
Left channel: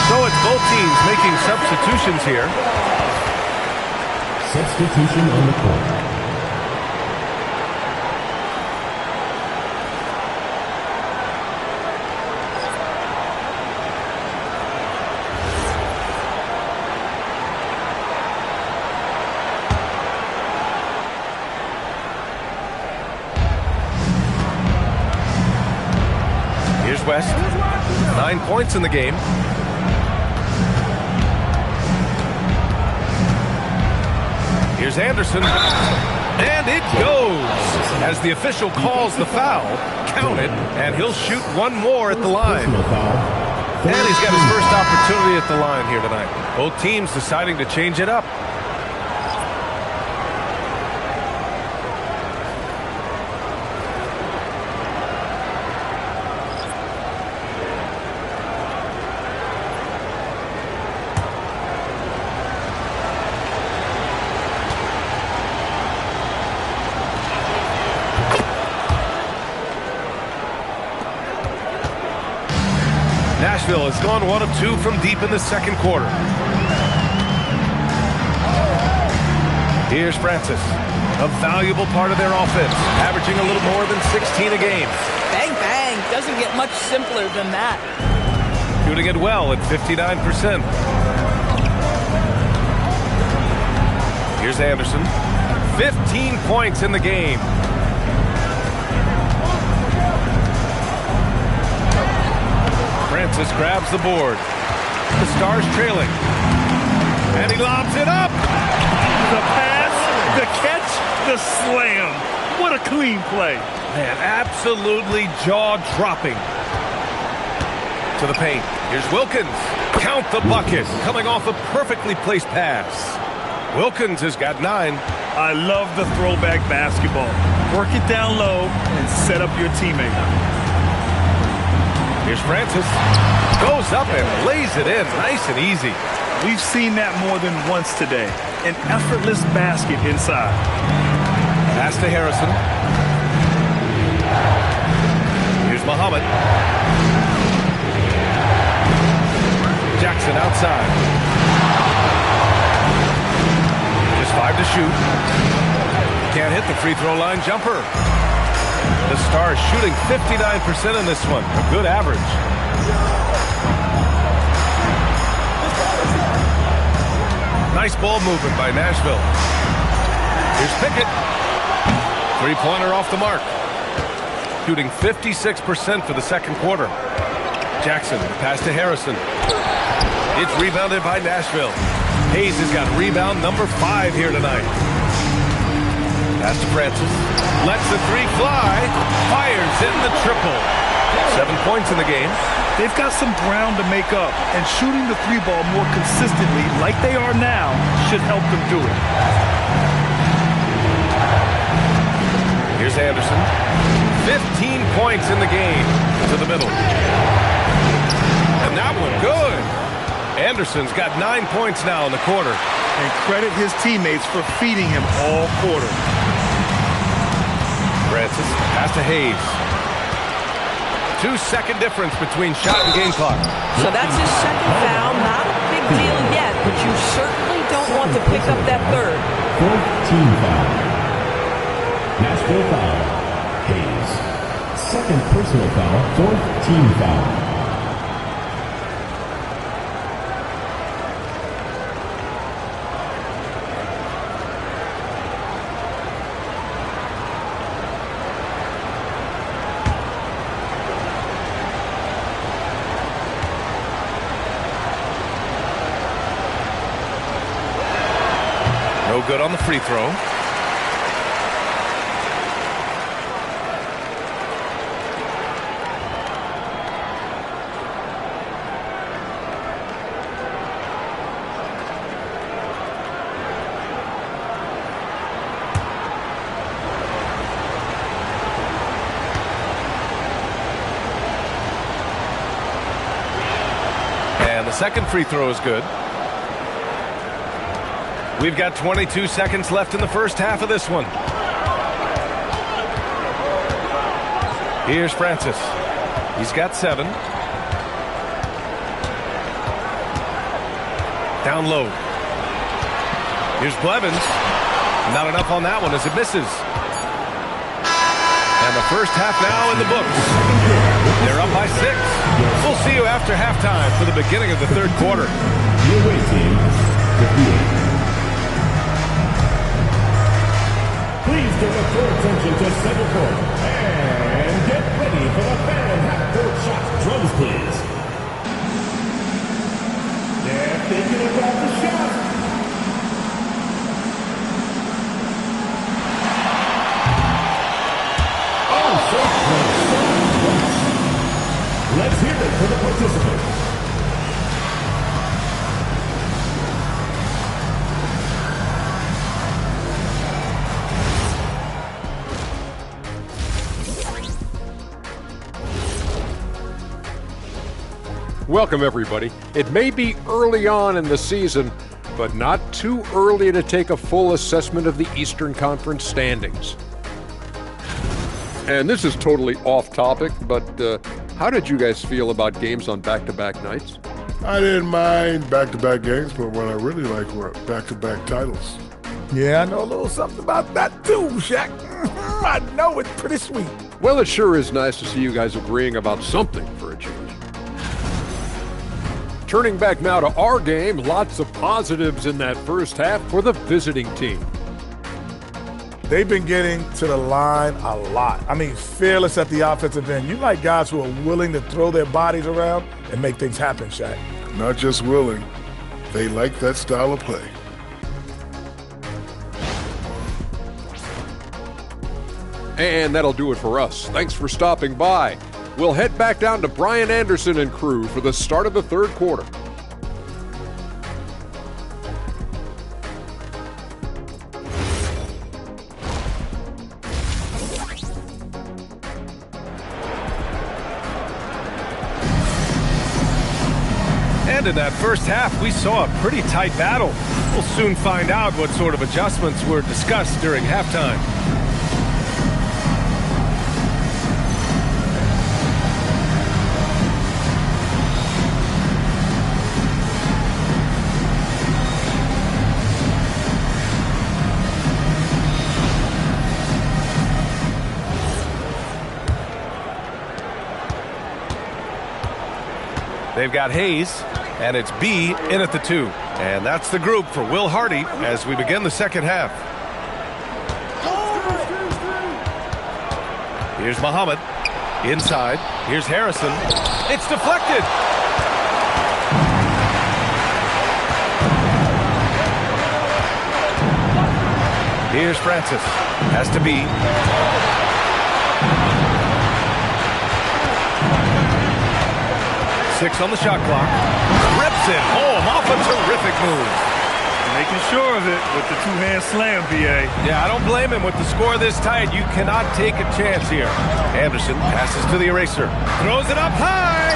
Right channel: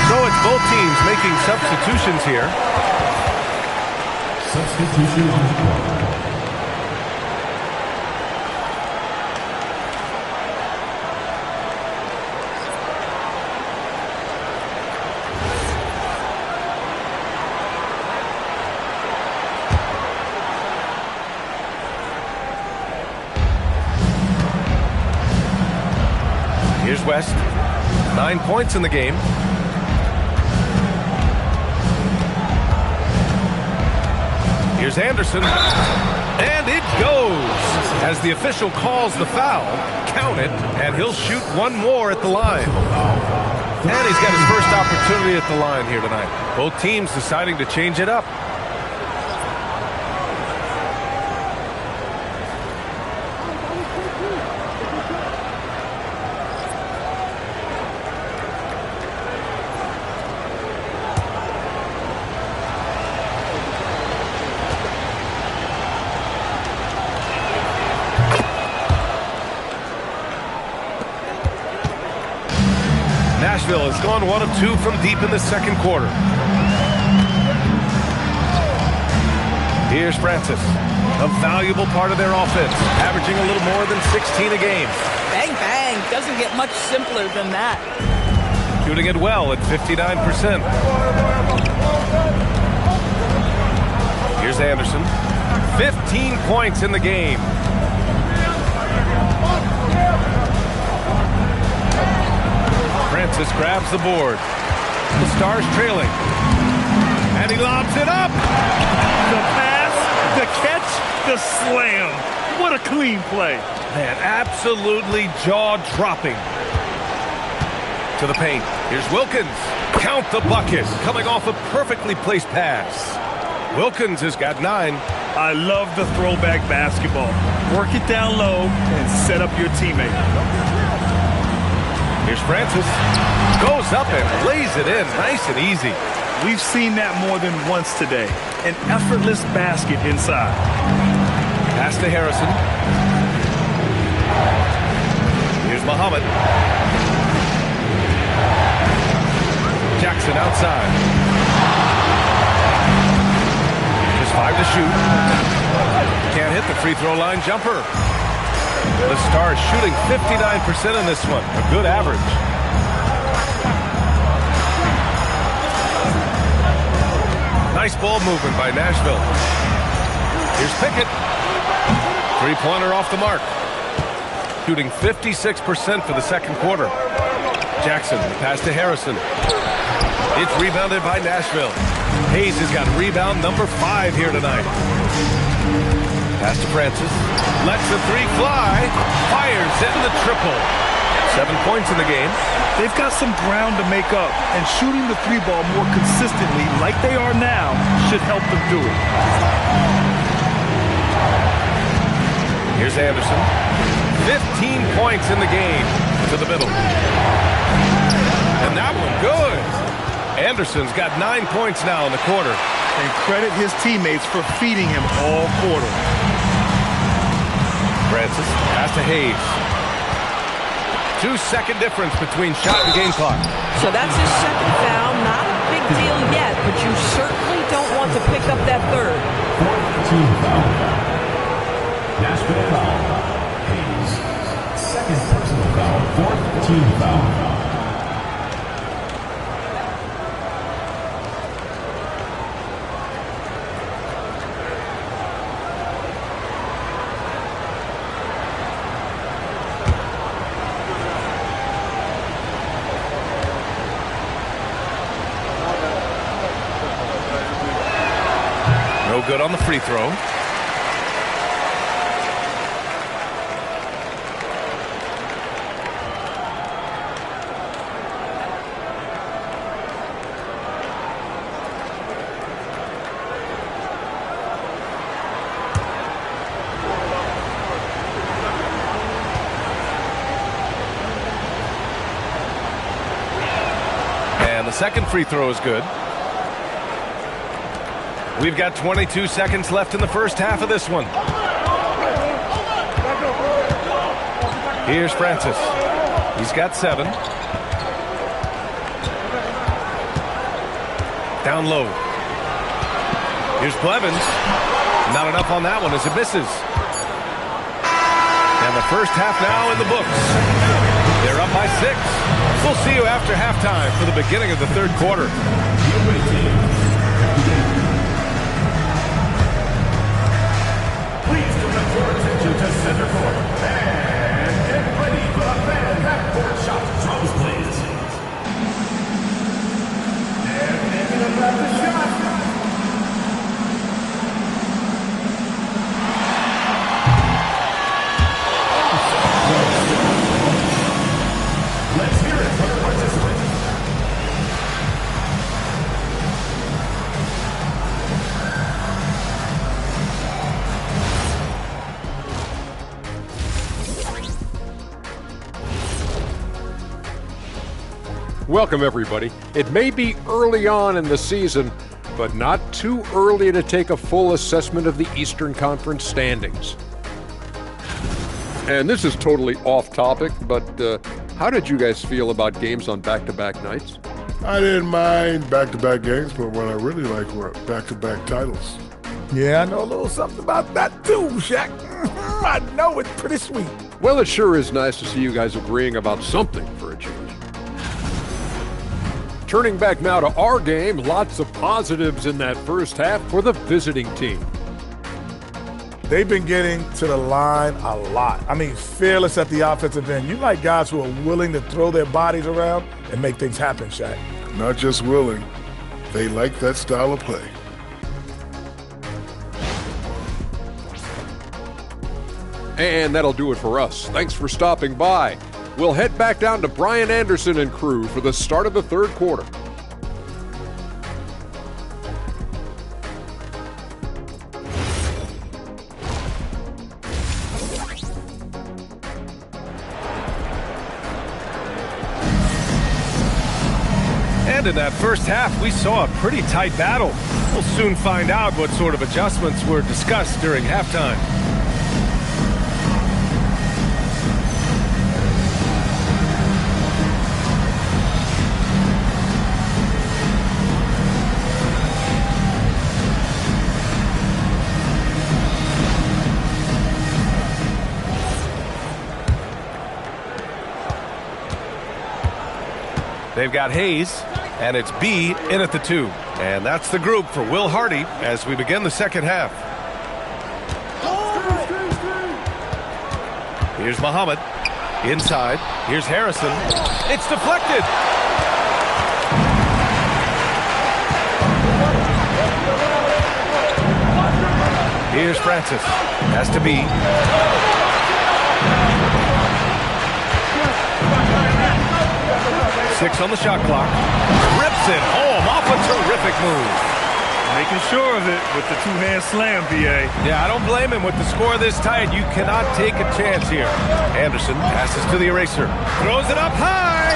So it's both teams making substitutions here. Substitution on the court. Here's West. 9 points in the game. Here's Anderson. And it goes. As the official calls the foul, count it, and he'll shoot one more at the line. And he's got his first opportunity at the line here tonight. Both teams deciding to change it up. Nashville has gone 1 of 2 from deep in the second quarter. Here's Francis, a valuable part of their offense, averaging a little more than 16 a game. Bang, bang. Doesn't get much simpler than that. Shooting it well at 59%. Here's Anderson. 15 points in the game. Francis grabs the board. The Stars trailing. And he lobs it up. The pass, the catch, the slam. What a clean play. Man, absolutely jaw-dropping. To the paint. Here's Wilkins. Count the bucket. Coming off a perfectly placed pass. Wilkins has got 9. I love the throwback basketball. Work it down low and set up your teammate. Here's Francis. Goes up and lays it in. Nice and easy. We've seen that more than once today. An effortless basket inside. Pass to Harrison. Here's Muhammad. Jackson outside. Just 5 to shoot. Can't hit the free throw line jumper. The Stars shooting 59% in this one. A good average. Nice ball movement by Nashville. Here's Pickett. Three-pointer off the mark. Shooting 56% for the second quarter. Jackson, the pass to Harrison. It's rebounded by Nashville. Hayes has got rebound number 5 here tonight. Pass to Francis. Lets the 3 fly. Fires in the triple. 7 points in the game. They've got some ground to make up, and shooting the 3 ball more consistently like they are now should help them do it. Here's Anderson. 15 points in the game. To the middle. And that one good. Anderson's got 9 points now in the quarter. And credit his teammates for feeding him all quarter. Francis, pass to Hayes. 2-second difference between shot and game clock. So that's his second foul. Not a big deal yet, but you certainly don't want to pick up that third. 14 foul. Nashville foul. Hayes. Second personal foul. 14 foul. No good on the free throw. And the second free throw is good. We've got 22 seconds left in the first half of this one. Here's Francis. He's got 7. Down low. Here's Blevins. Not enough on that one as it misses. And the first half now in the books. They're up by 6. We'll see you after halftime for the beginning of the third quarter. Please direct your attention to center court and get ready for the fan half-court shot. Drums, please. They're thinking about the shot. Oh, so close. Let's hear it for the participants. Welcome, everybody. It may be early on in the season, but not too early to take a full assessment of the Eastern Conference standings. And this is totally off topic, but how did you guys feel about games on back-to-back nights? I didn't mind back-to-back games, but what I really like were back-to-back titles. Yeah, I know a little something about that too, Shaq. I know it's pretty sweet. Well, it sure is nice to see you guys agreeing about something for a change. Turning back now to our game, lots of positives in that first half for the visiting team. They've been getting to the line a lot. I mean, fearless at the offensive end. You like guys who are willing to throw their bodies around and make things happen, Shaq. Not just willing, they like that style of play. And that'll do it for us. Thanks for stopping by. We'll head back down to Brian Anderson and crew for the start of the third quarter. And in that first half, we saw a pretty tight battle. We'll soon find out what sort of adjustments were discussed during halftime. They've got Hayes, and it's B in at the 2. And that's the group for Will Hardy as we begin the second half. Here's Muhammad. Inside. Here's Harrison. It's deflected. Here's Francis. Has to be. Six on the shot clock. Rips it home off a terrific move. Making sure of it with the two-hand slam, B.A. Yeah, I don't blame him. With the score this tight, you cannot take a chance here. Anderson passes to the eraser. Throws it up high.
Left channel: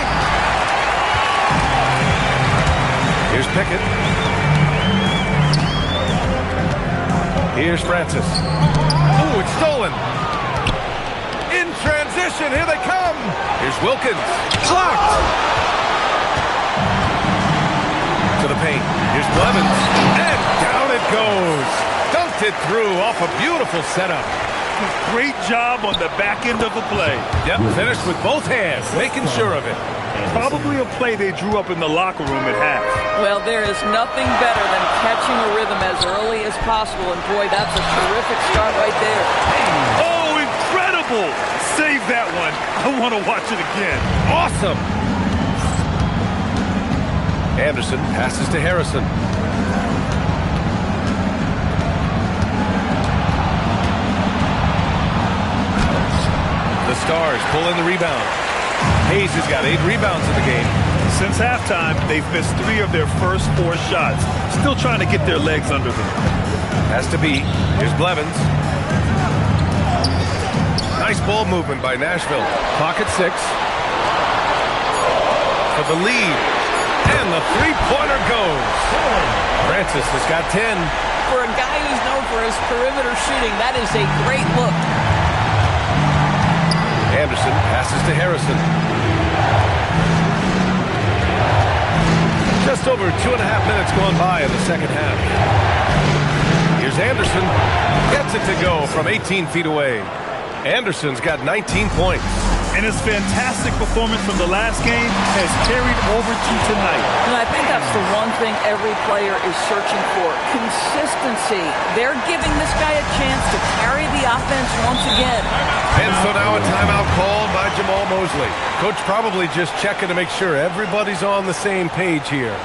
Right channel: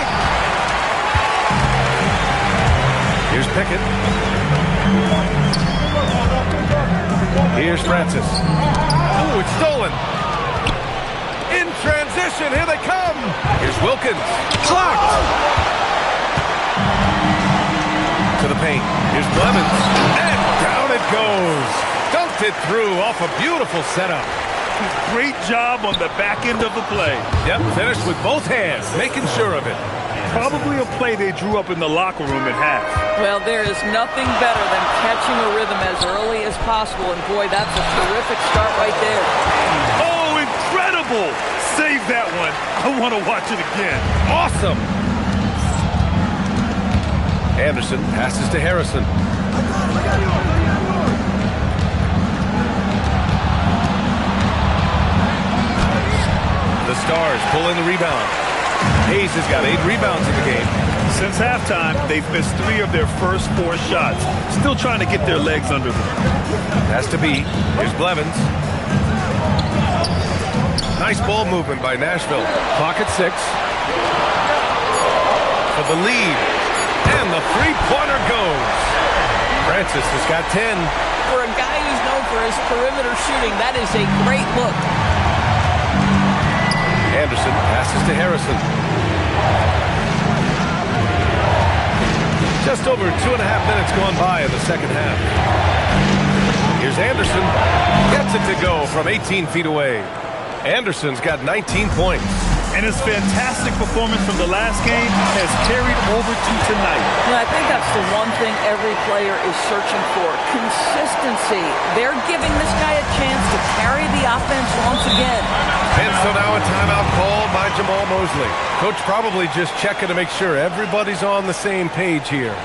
Here's Pickett. Here's Francis. Ooh, it's stolen. In transition, here they come. Here's Wilkins. Blocked. To the paint. Here's Blevins. And down it goes. Dunked it through off a beautiful setup. Great job on the back end of the play. Yep, finished with both hands, making sure of it. Probably a play they drew up in the locker room at half. Well, there is nothing better than catching a rhythm as early as possible. And boy, that's a terrific start right there. Oh, incredible. Save that one. I want to watch it again. Awesome. Anderson passes to Harrison. The Stars pull in the rebound. Hayes has got 8 rebounds in the game. Since halftime, they've missed 3 of their first 4 shots. Still trying to get their legs under them. Has to be. Here's Blevins. Nice ball movement by Nashville. Clock at 6. For the lead. And the three-pointer goes. Francis has got 10. For a guy who's known for his perimeter shooting, that is a great look. Anderson passes to Harrison. Just over 2.5 minutes gone by in the second half. Here's Anderson. Gets it to go from 18 feet away. Anderson's got 19 points. And his fantastic performance from the last game has carried over to tonight. And I think that's the one thing every player is searching for. Consistency. They're giving this guy a chance to carry the offense once again. And so now a timeout called by Jamal Mosley. Coach probably just checking to make sure everybody's on the same page here.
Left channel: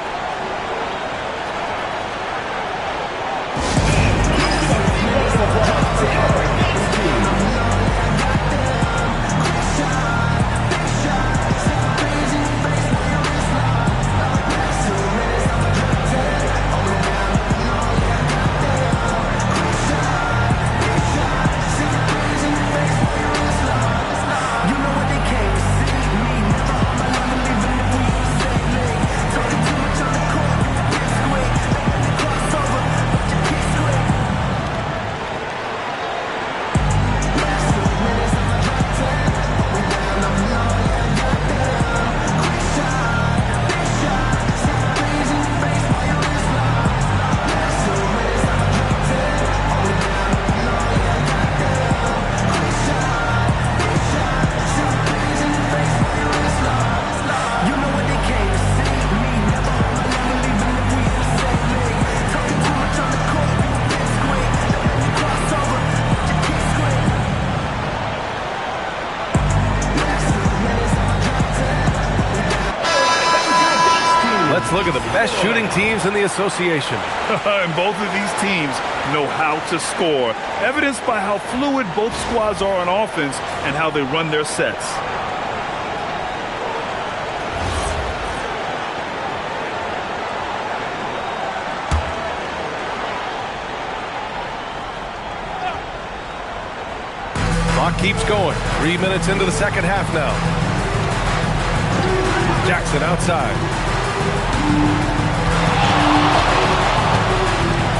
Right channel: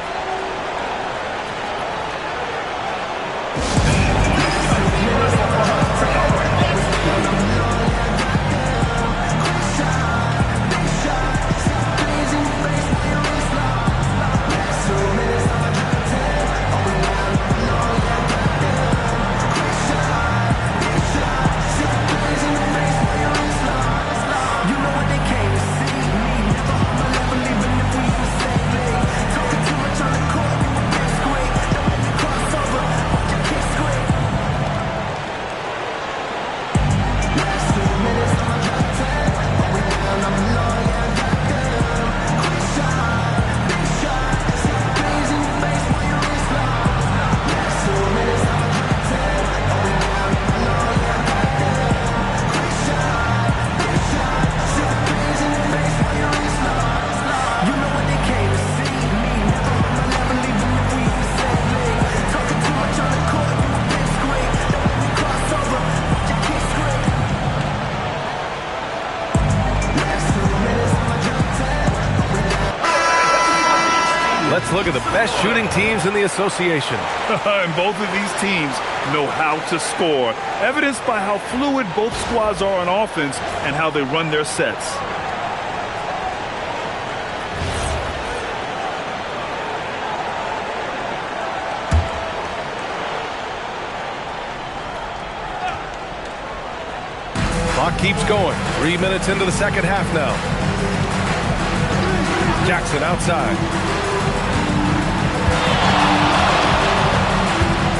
Let's look at the best shooting teams in the association. And both of these teams know how to score, evidenced by how fluid both squads are on offense and how they run their sets. Clock keeps going. 3 minutes into the second half now. Jackson outside.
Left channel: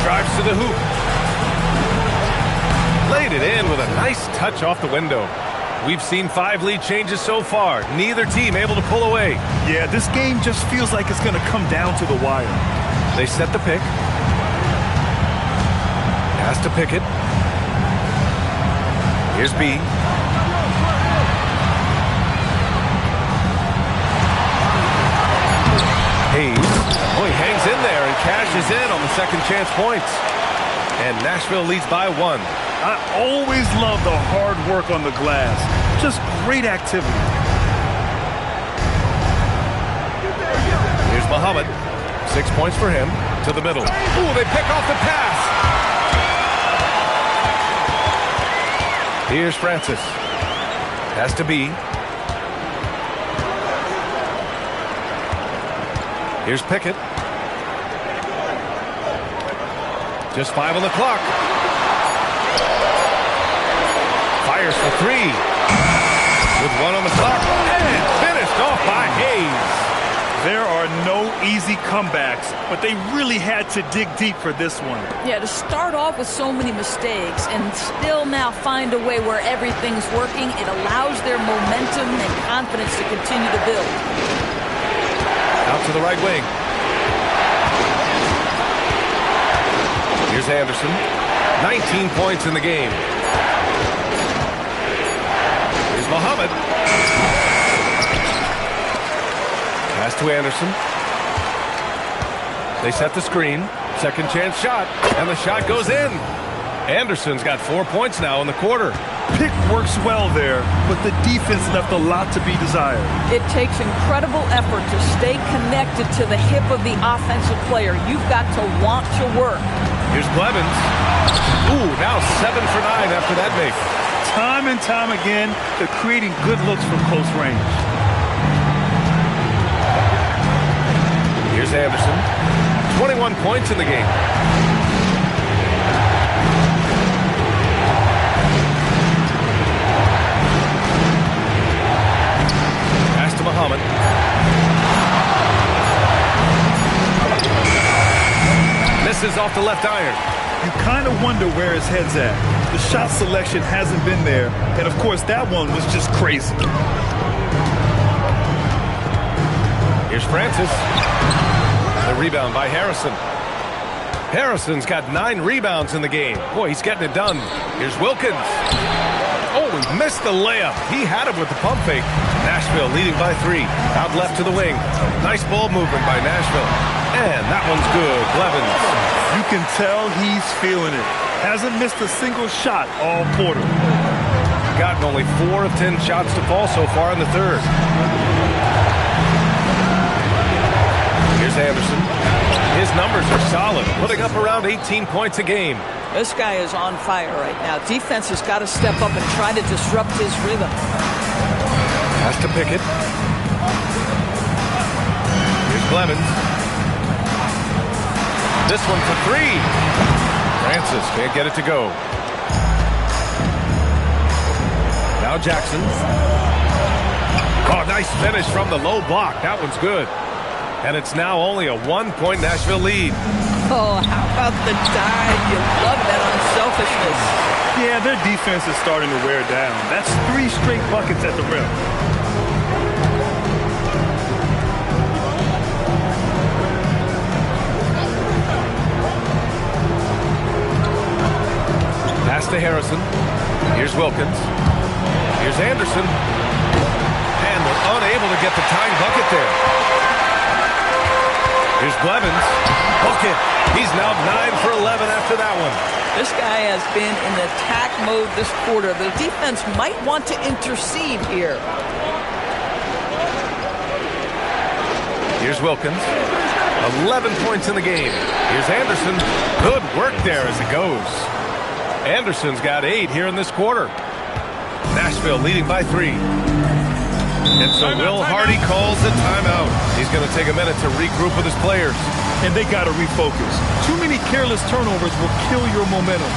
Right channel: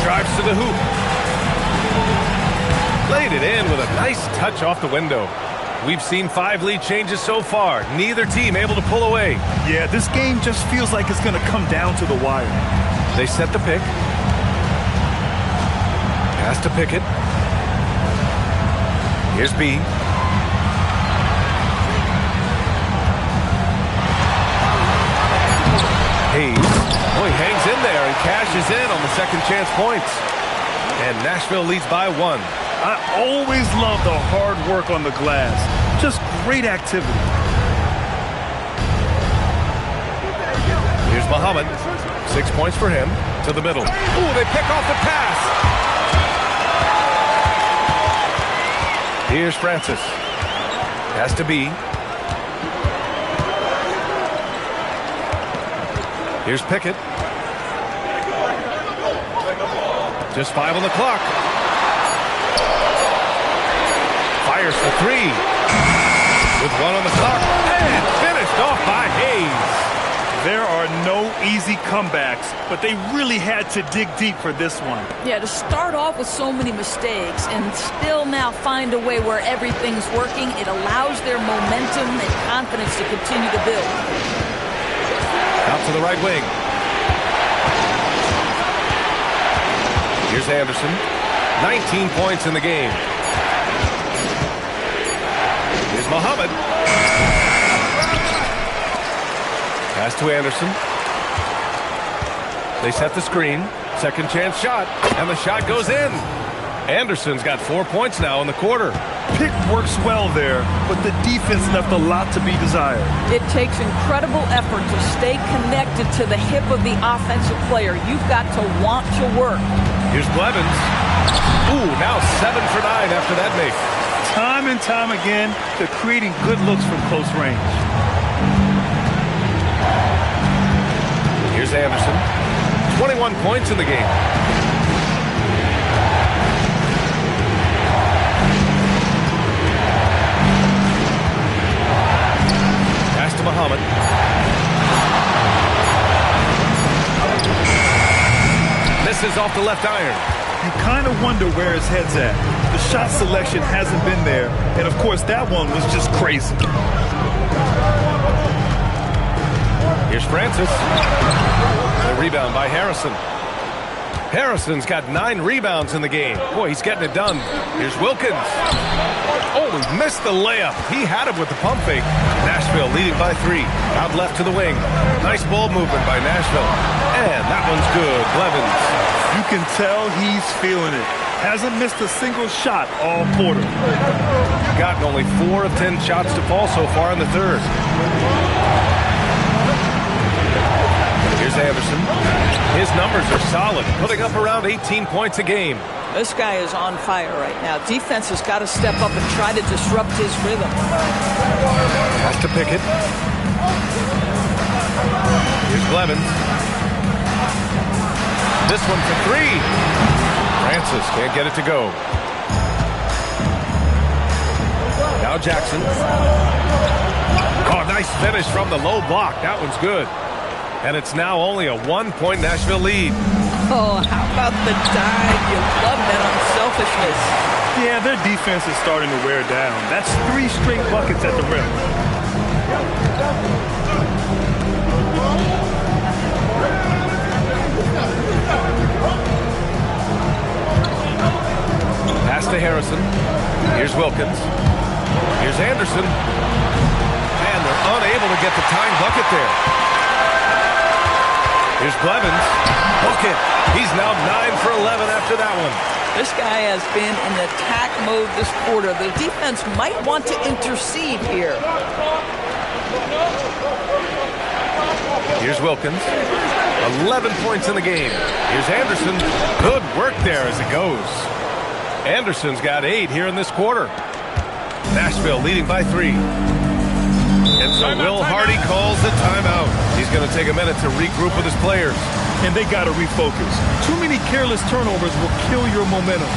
Drives to the hoop. Laid it in with a nice touch off the window. We've seen 5 lead changes so far. Neither team able to pull away. Yeah, this game just feels like it's going to come down to the wire. They set the pick. Pass to Pickett. Here's B. Hayes. Oh, he hangs in there and cashes in on the second chance points. And Nashville leads by 1. I always love the hard work on the glass. Just great activity. Here's Muhammad. 6 points for him. To the middle. Ooh, they pick off the pass. Here's Francis. Has to be. Here's Pickett. Just 5 on the clock. Fires for 3. With 1 on the clock. And finished off by Hayes. There are no easy comebacks, but they really had to dig deep for this one. Yeah, to start off with so many mistakes and still now find a way where everything's working, it allows their momentum and confidence to continue to build. Out to the right wing. Here's Anderson. 19 points in the game. Here's Muhammad. Pass to Anderson. They set the screen. Second chance shot. And the shot goes in. Anderson's got 4 points now in the quarter. Pick works well there, but the defense left a lot to be desired. It takes incredible effort to stay connected to the hip of the offensive player. You've got to want to work. Here's Blevins. Ooh, now 7 for 9 after that make. Time and time again, they're creating good looks from close range. Here's Anderson. 21 points in the game. Pass to Muhammad. Misses off the left iron. You kind of wonder where his head's at. The shot selection hasn't been there, and of course that one was just crazy. Here's Francis. The rebound by Harrison. Harrison's got 9 rebounds in the game. Boy, he's getting it done. Here's Wilkins. Oh, he missed the layup. He had him with the pump fake. Nashville leading by 3. Out left to the wing. Nice ball movement by Nashville. And that one's good. Blevins. You can tell he's feeling it. Hasn't missed a single shot all quarter. Gotten only 4 of 10 shots to fall so far in the third. Here's Anderson. His numbers are solid, putting up around 18 points a game. This guy is on fire right now. Defense has got to step up and try to disrupt his rhythm. Pass to Pickett. Here's Blevins. This one for 3. Francis can't get it to go. Now Jackson. Oh, nice finish from the low block. That one's good. And it's now only a 1-point Nashville lead. Oh, how about the dive? You love that unselfishness. Yeah, their defense is starting to wear down. That's 3 straight buckets at the rim. Pass to Harrison. Here's Wilkins. Here's Anderson. And they're unable to get the tying bucket there. Here's Blevins. Bucket. He's now 9 for 11 after that one. This guy has been in attack mode this quarter. The defense might want to intercede here. Here's Wilkins. 11 points in the game. Here's Anderson. Good work there as it goes. Anderson's got 8 here in this quarter. Nashville leading by 3. And so Will Hardy calls the timeout. He's going to take a minute to regroup with his players. And they got to refocus. Too many careless turnovers will kill your momentum.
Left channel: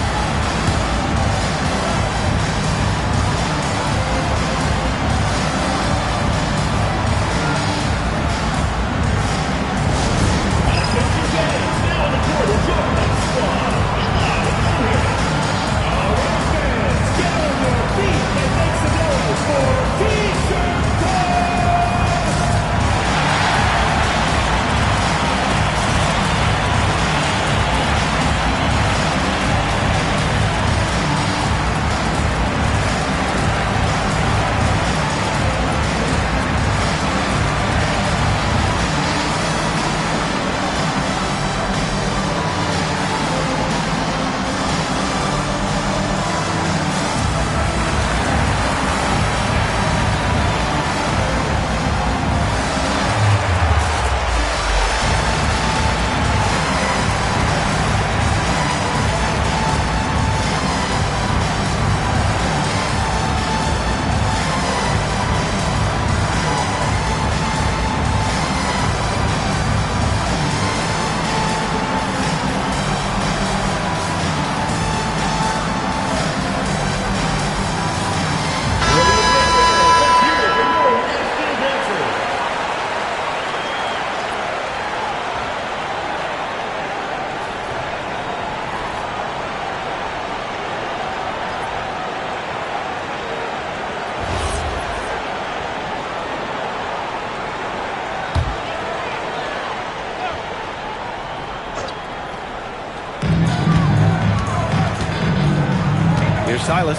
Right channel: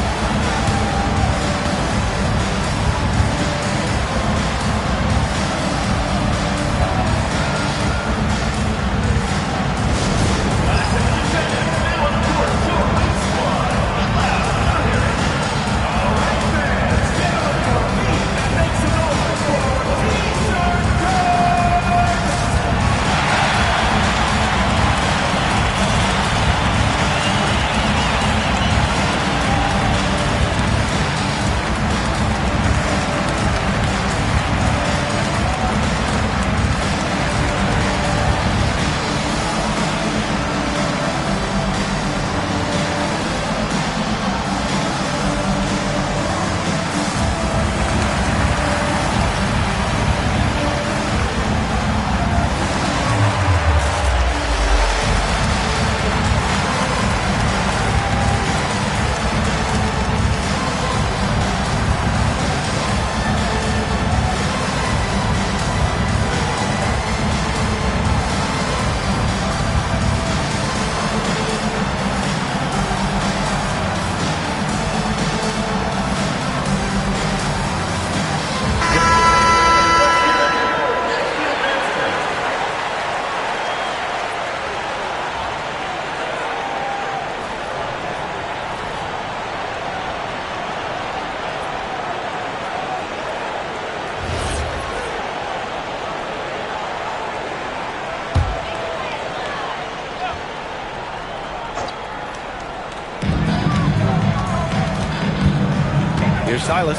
Here's Silas.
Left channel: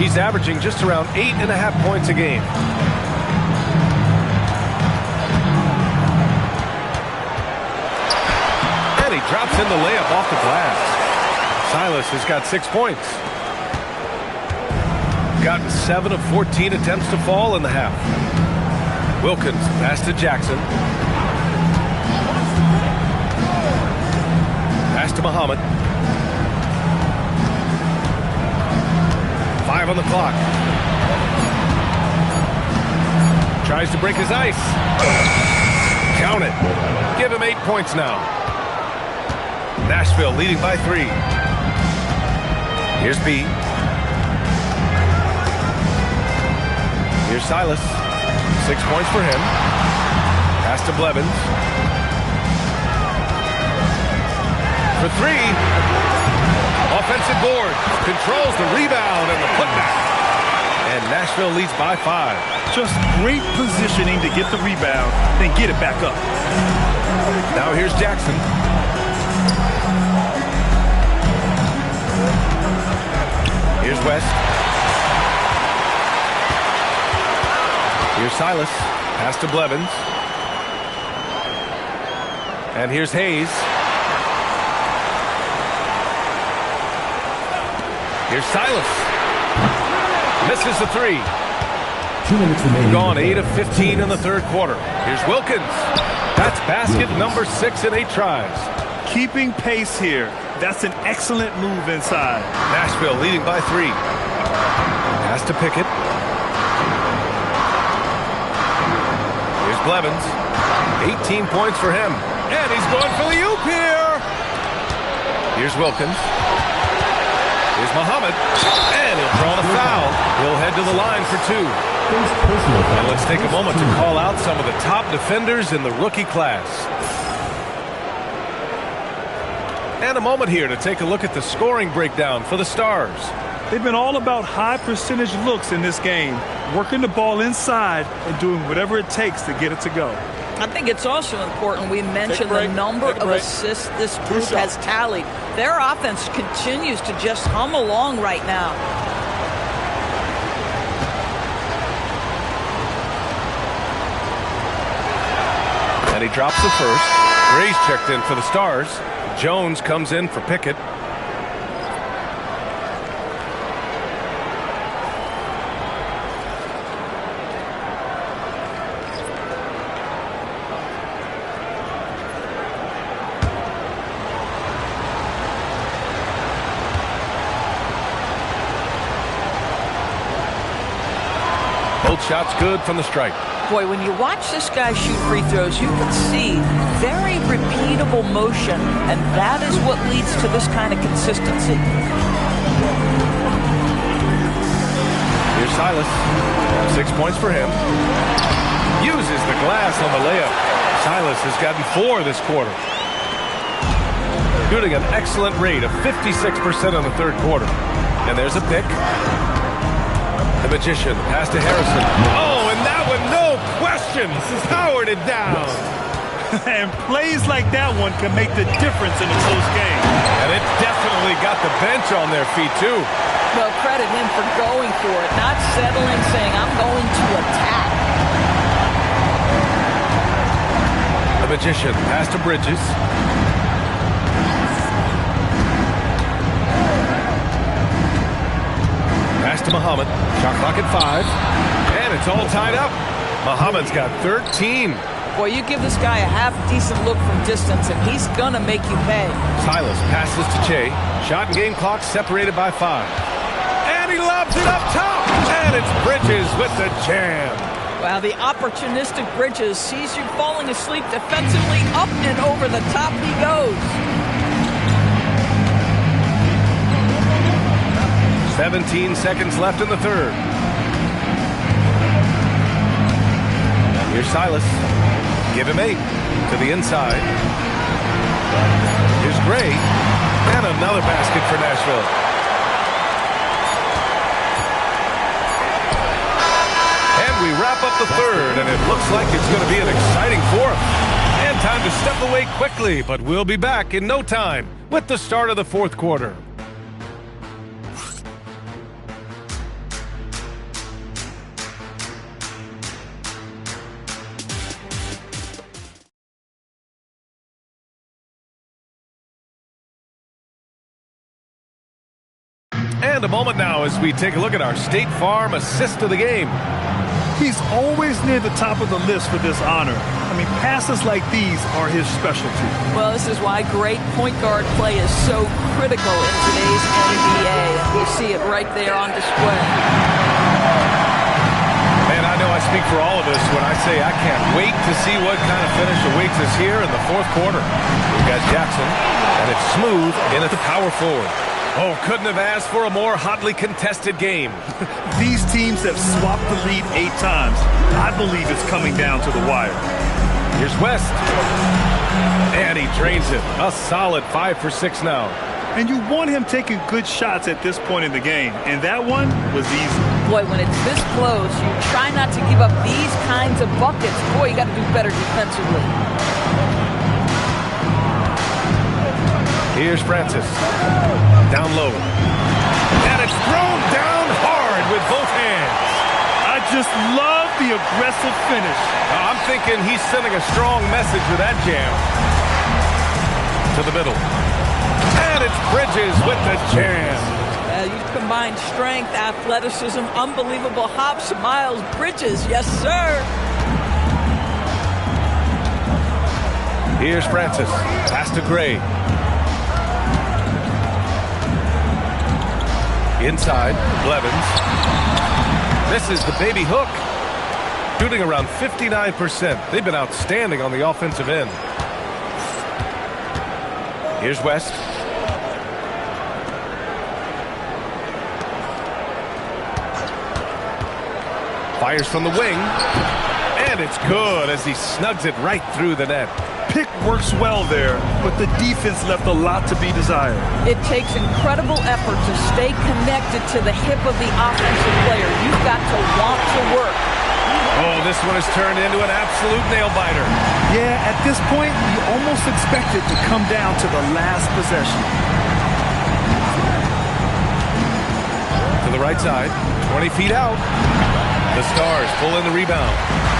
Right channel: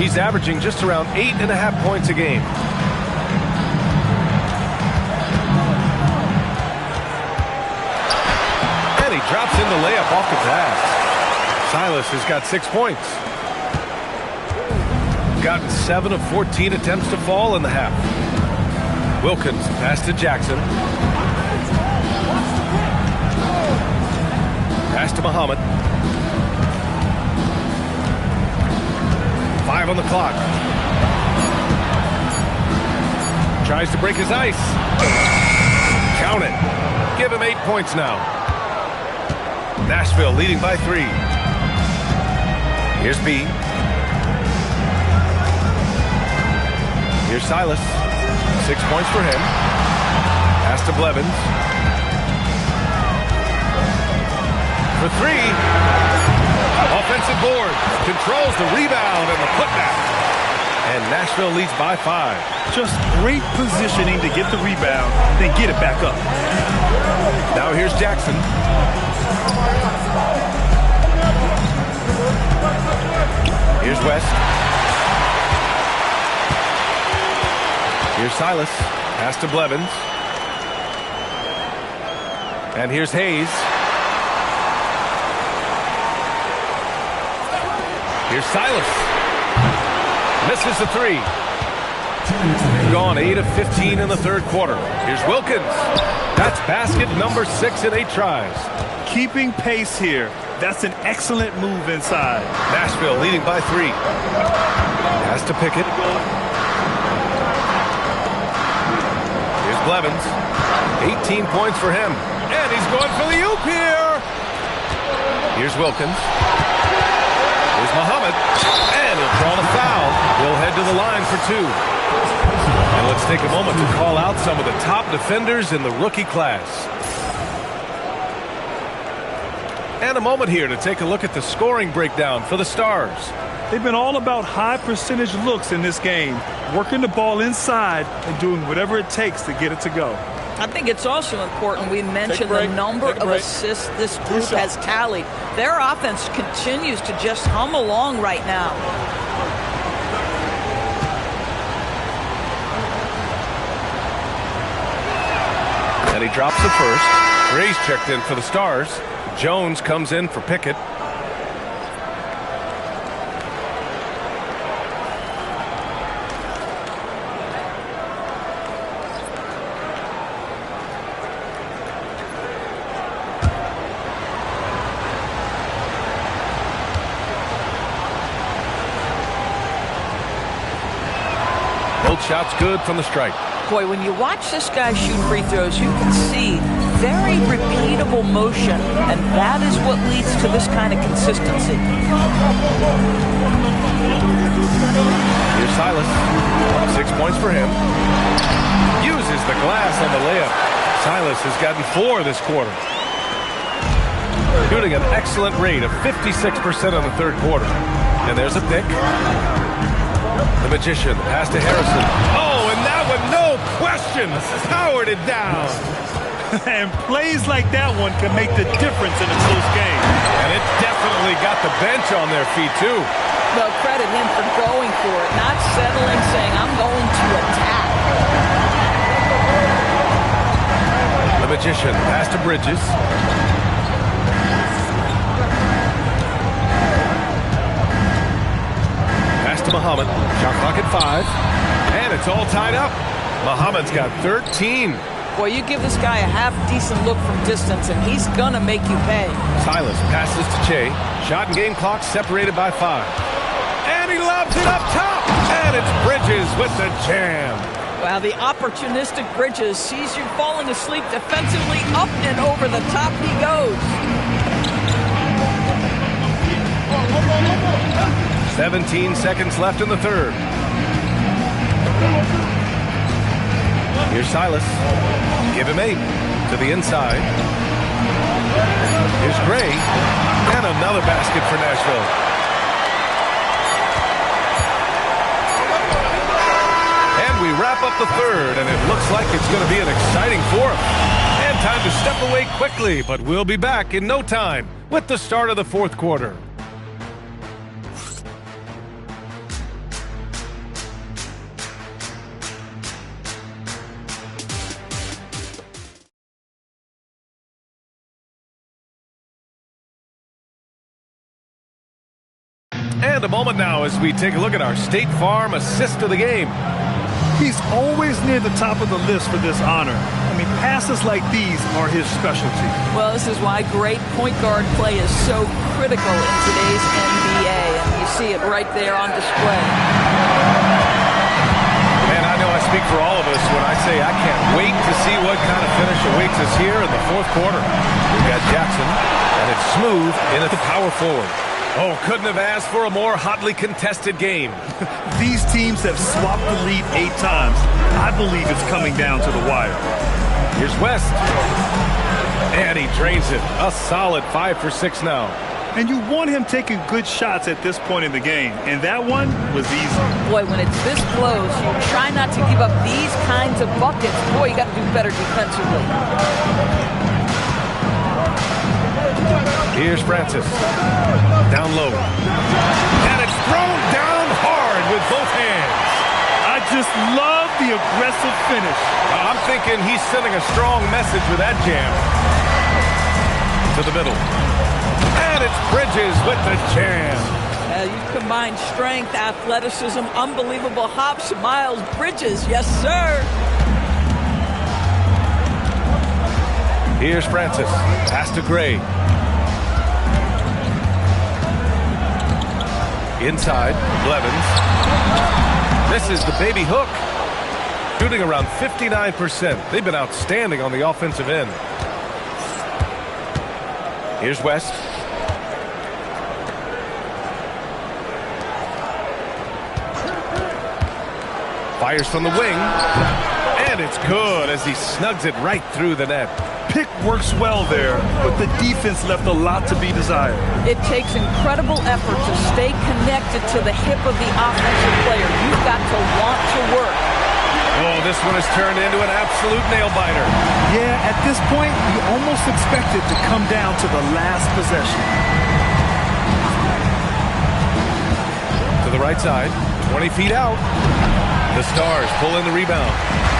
He's averaging just around 8.5 points a game. And he drops in the layup off the glass. Silas has got 6 points. Gotten 7 of 14 attempts to fall in the half. Wilkins pass to Jackson. Pass to Muhammad. 5 on the clock. Tries to break his ice. Count it. Give him 8 points now. Nashville leading by 3. Here's B. Here's Silas. 6 points for him. Pass to Blevins. For 3. Offensive board. Controls the rebound and the putback. And Nashville leads by 5. Just great positioning to get the rebound, then get it back up. Now here's Jackson. Here's West. Here's Silas. Pass to Blevins. And here's Hayes. Here's Silas. Misses the 3. Gone 8 of 15 in the third quarter. Here's Wilkins. That's basket number 6 in 8 tries. Keeping pace here. That's an excellent move inside. Nashville leading by 3. Pass to Pickett. Here's Blevins. 18 points for him. And he's going for the oop here. Here's Wilkins. Here's Muhammad, and he'll draw the foul. He'll head to the line for 2. And let's take a moment to call out some of the top defenders in the rookie class. And a moment here to take a look at the scoring breakdown for the Stars. They've been all about high percentage looks in this game, working the ball inside and doing whatever it takes to get it to go. I think it's also important we mention the number of assists this group has tallied. Their offense continues to just hum along right now. And he drops the first. Gray's checked in for the Stars. Jones comes in for Pickett. Both shots good from the stripe. Boy, when you watch this guy shoot free throws, you can see very repeatable motion, and that is what leads to this kind of consistency. Here's Silas. 6 points for him. Uses the glass on the layup. Silas has gotten 4 this quarter. Shooting an excellent rate of 56% in the third quarter. And there's a pick. The Magician, pass to Harrison. Oh, and that one, no question, powered it down. And plays like that one can make the difference in a close game. And it definitely got the bench on their feet, too. Well, credit him for going for it, not settling, saying, I'm going to attack. The Magician, pass to Bridges. Pass to Muhammad. Shot clock at 5. And it's all tied up. Muhammad's got 13. Boy, you give this guy a half-decent look from distance, and he's going to make you pay. Silas passes to Che. Shot and game clock separated by 5. And he lobs it up top. And it's Bridges with the jam. Wow, the opportunistic Bridges sees you falling asleep defensively. Up and over the top he goes. 17 seconds left in the third. Here's Silas. Give him 8 to the inside. Here's Gray. And another basket for Nashville. And we wrap up the third, and it looks like it's going to be an exciting fourth. And time to step away quickly, but we'll be back in no time with the start of the fourth quarter. And a moment now as we take a look at our State Farm assist of the game. He's always near the top of the list for this honor. I mean, passes like these are his specialty. Well, this is why great point guard play is so critical in today's NBA, and you see it right there on display. Man, I know I speak for all of us when I say I can't wait to see what kind of finish awaits us here in the fourth quarter. We've got Jackson, and it's Smooth in at the power forward. Oh, couldn't have asked for a more hotly contested game. These teams have swapped the lead 8 times. I believe it's coming down to the wire. Here's West. And he drains it. A solid 5 for 6 now. And you want him taking good shots at this point in the game. And that one was easy. Boy, when it's this close, you try not to give up these kinds of buckets. Boy, you got to do better defensively. Here's Francis. Down low. And it's thrown down hard with both hands. I just love the aggressive finish. I'm thinking he's sending a strong message with that jam. To the middle. And it's Bridges with the jam. You combine strength, athleticism, unbelievable hops. Miles Bridges, yes, sir. Here's Francis. Pass to Gray. Inside, Blevins. Misses the baby hook. Shooting around 59%. They've been outstanding on the offensive end. Here's West. Fires from the wing. And it's good as he snugs it right through the net. Pick works well there, but the defense left a lot to be desired. It takes incredible effort to stay connected to the hip of the offensive player. You've got to want to work. Oh, this one has turned into an absolute nail-biter. Yeah, at this point, you almost expect it to come down to the last possession. To the right side, 20 feet out. The Stars pull in the rebound.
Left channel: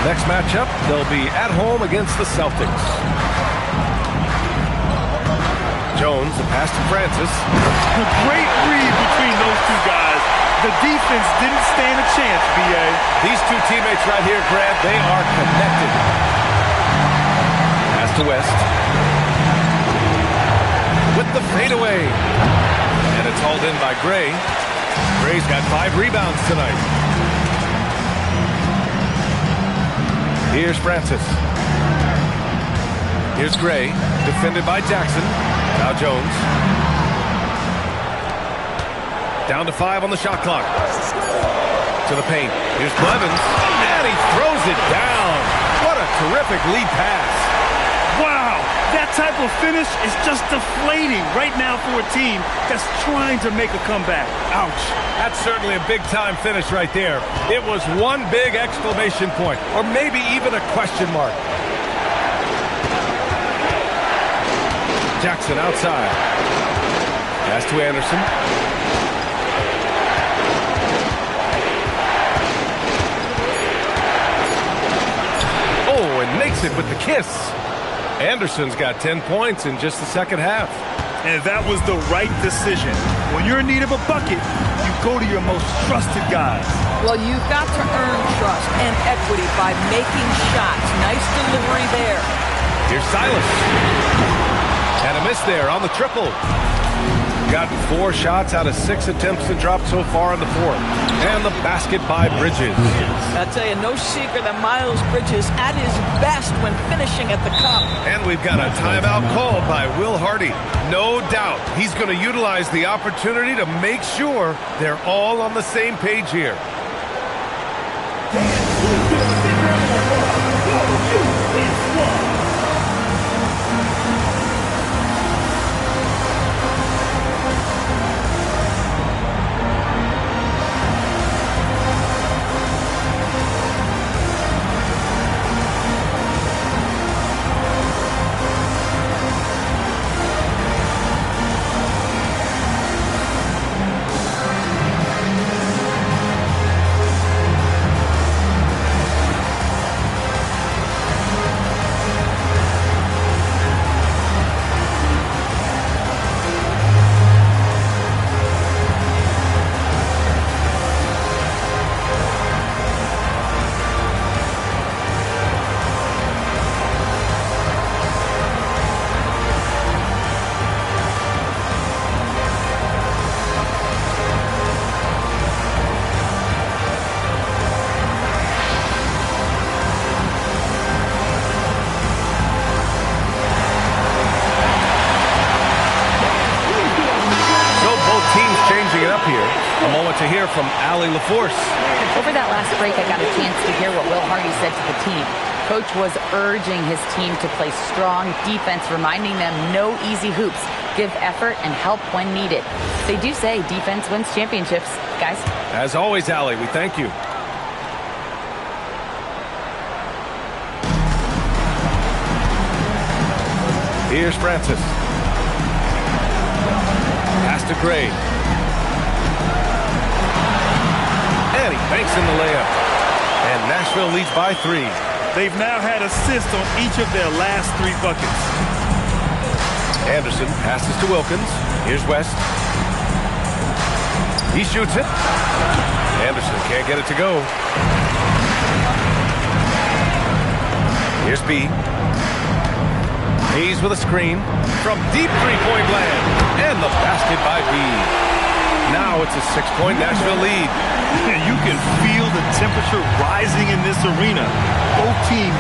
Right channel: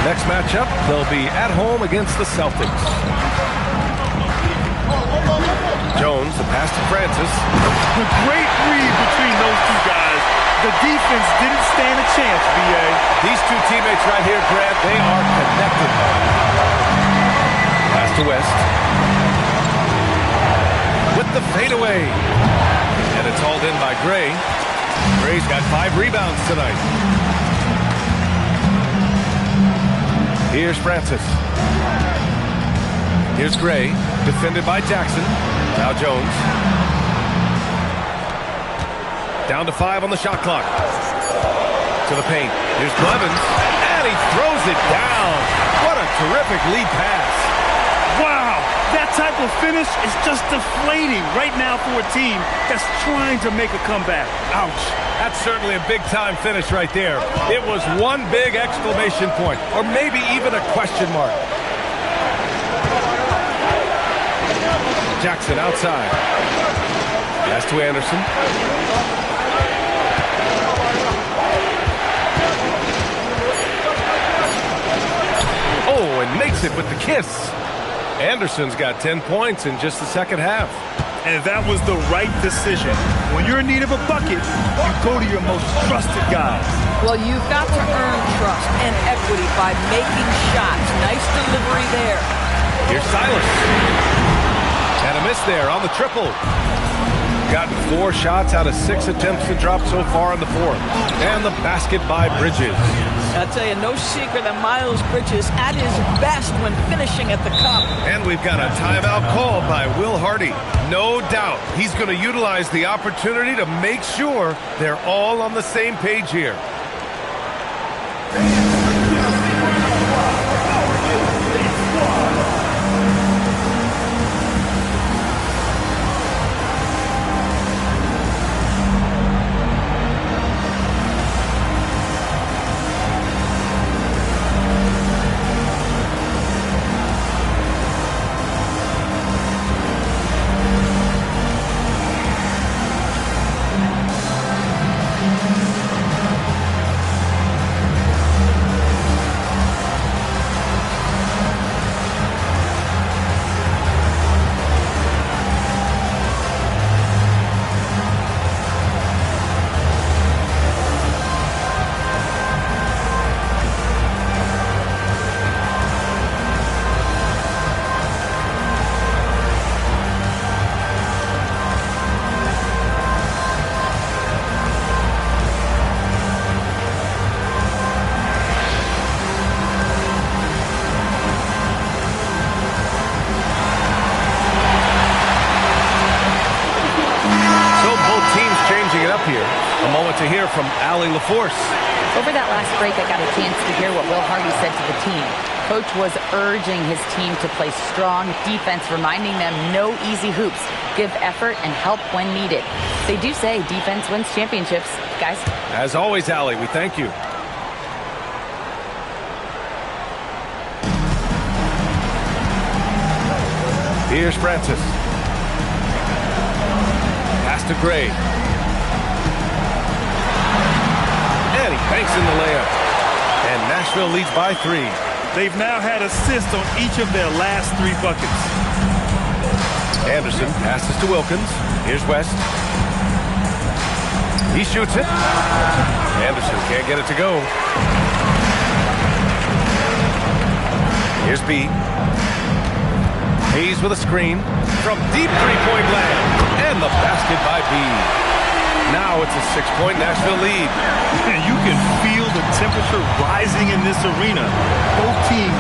Next matchup, they'll be at home against the Celtics. Jones, the pass to Francis. A great read between those two guys. The defense didn't stand a chance, B.A. These two teammates right here, Grant, they are connected. Pass to West. With the fadeaway. And it's hauled in by Gray. Gray's got 5 rebounds tonight. Here's Francis. Here's Gray, defended by Jackson. Now Jones. Down to 5 on the shot clock. To the paint. Here's Blevins. And he throws it down. What a terrific lead pass. Wow, that type of finish is just deflating right now for a team that's trying to make a comeback. Ouch. That's certainly a big-time finish right there. It was one big exclamation point, or maybe even a question mark. Jackson outside. Pass to Anderson. Oh, and makes it with the kiss. Anderson's got 10 points in just the second half. And that was the right decision. When you're in need of a bucket, you go to your most trusted guys. Well, you've got to earn trust and equity by making shots. Nice delivery there. Here's Silas. And a miss there on the triple. Gotten 4 shots out of 6 attempts to drop so far in the fourth. And the basket by Bridges. I'll tell you, no secret that Miles Bridges at his best when finishing at the cup. And we've got a timeout called by Will Hardy. No doubt he's going to utilize the opportunity to make sure they're all on the same page here. Teams changing it up here. A moment to hear from Allie LaForce. Over that last break, I got a chance to hear what Will Hardy said to the team. Coach was urging his team to play strong defense, reminding them no easy hoops, give effort and help when needed. They do say defense wins championships, guys. As always, Allie, we thank you. Here's Francis. Pass to Gray. And he banks in the layup. And Nashville leads by 3. They've now had assists on each of their last 3 buckets. Anderson passes to Wilkins. Here's West. He shoots it. Anderson can't get it to go. Here's B. Hayes with a screen from deep three-point land. And the basket by B. Now it's a 6-point Nashville lead. You can feel the temperature rising in this arena. Both teams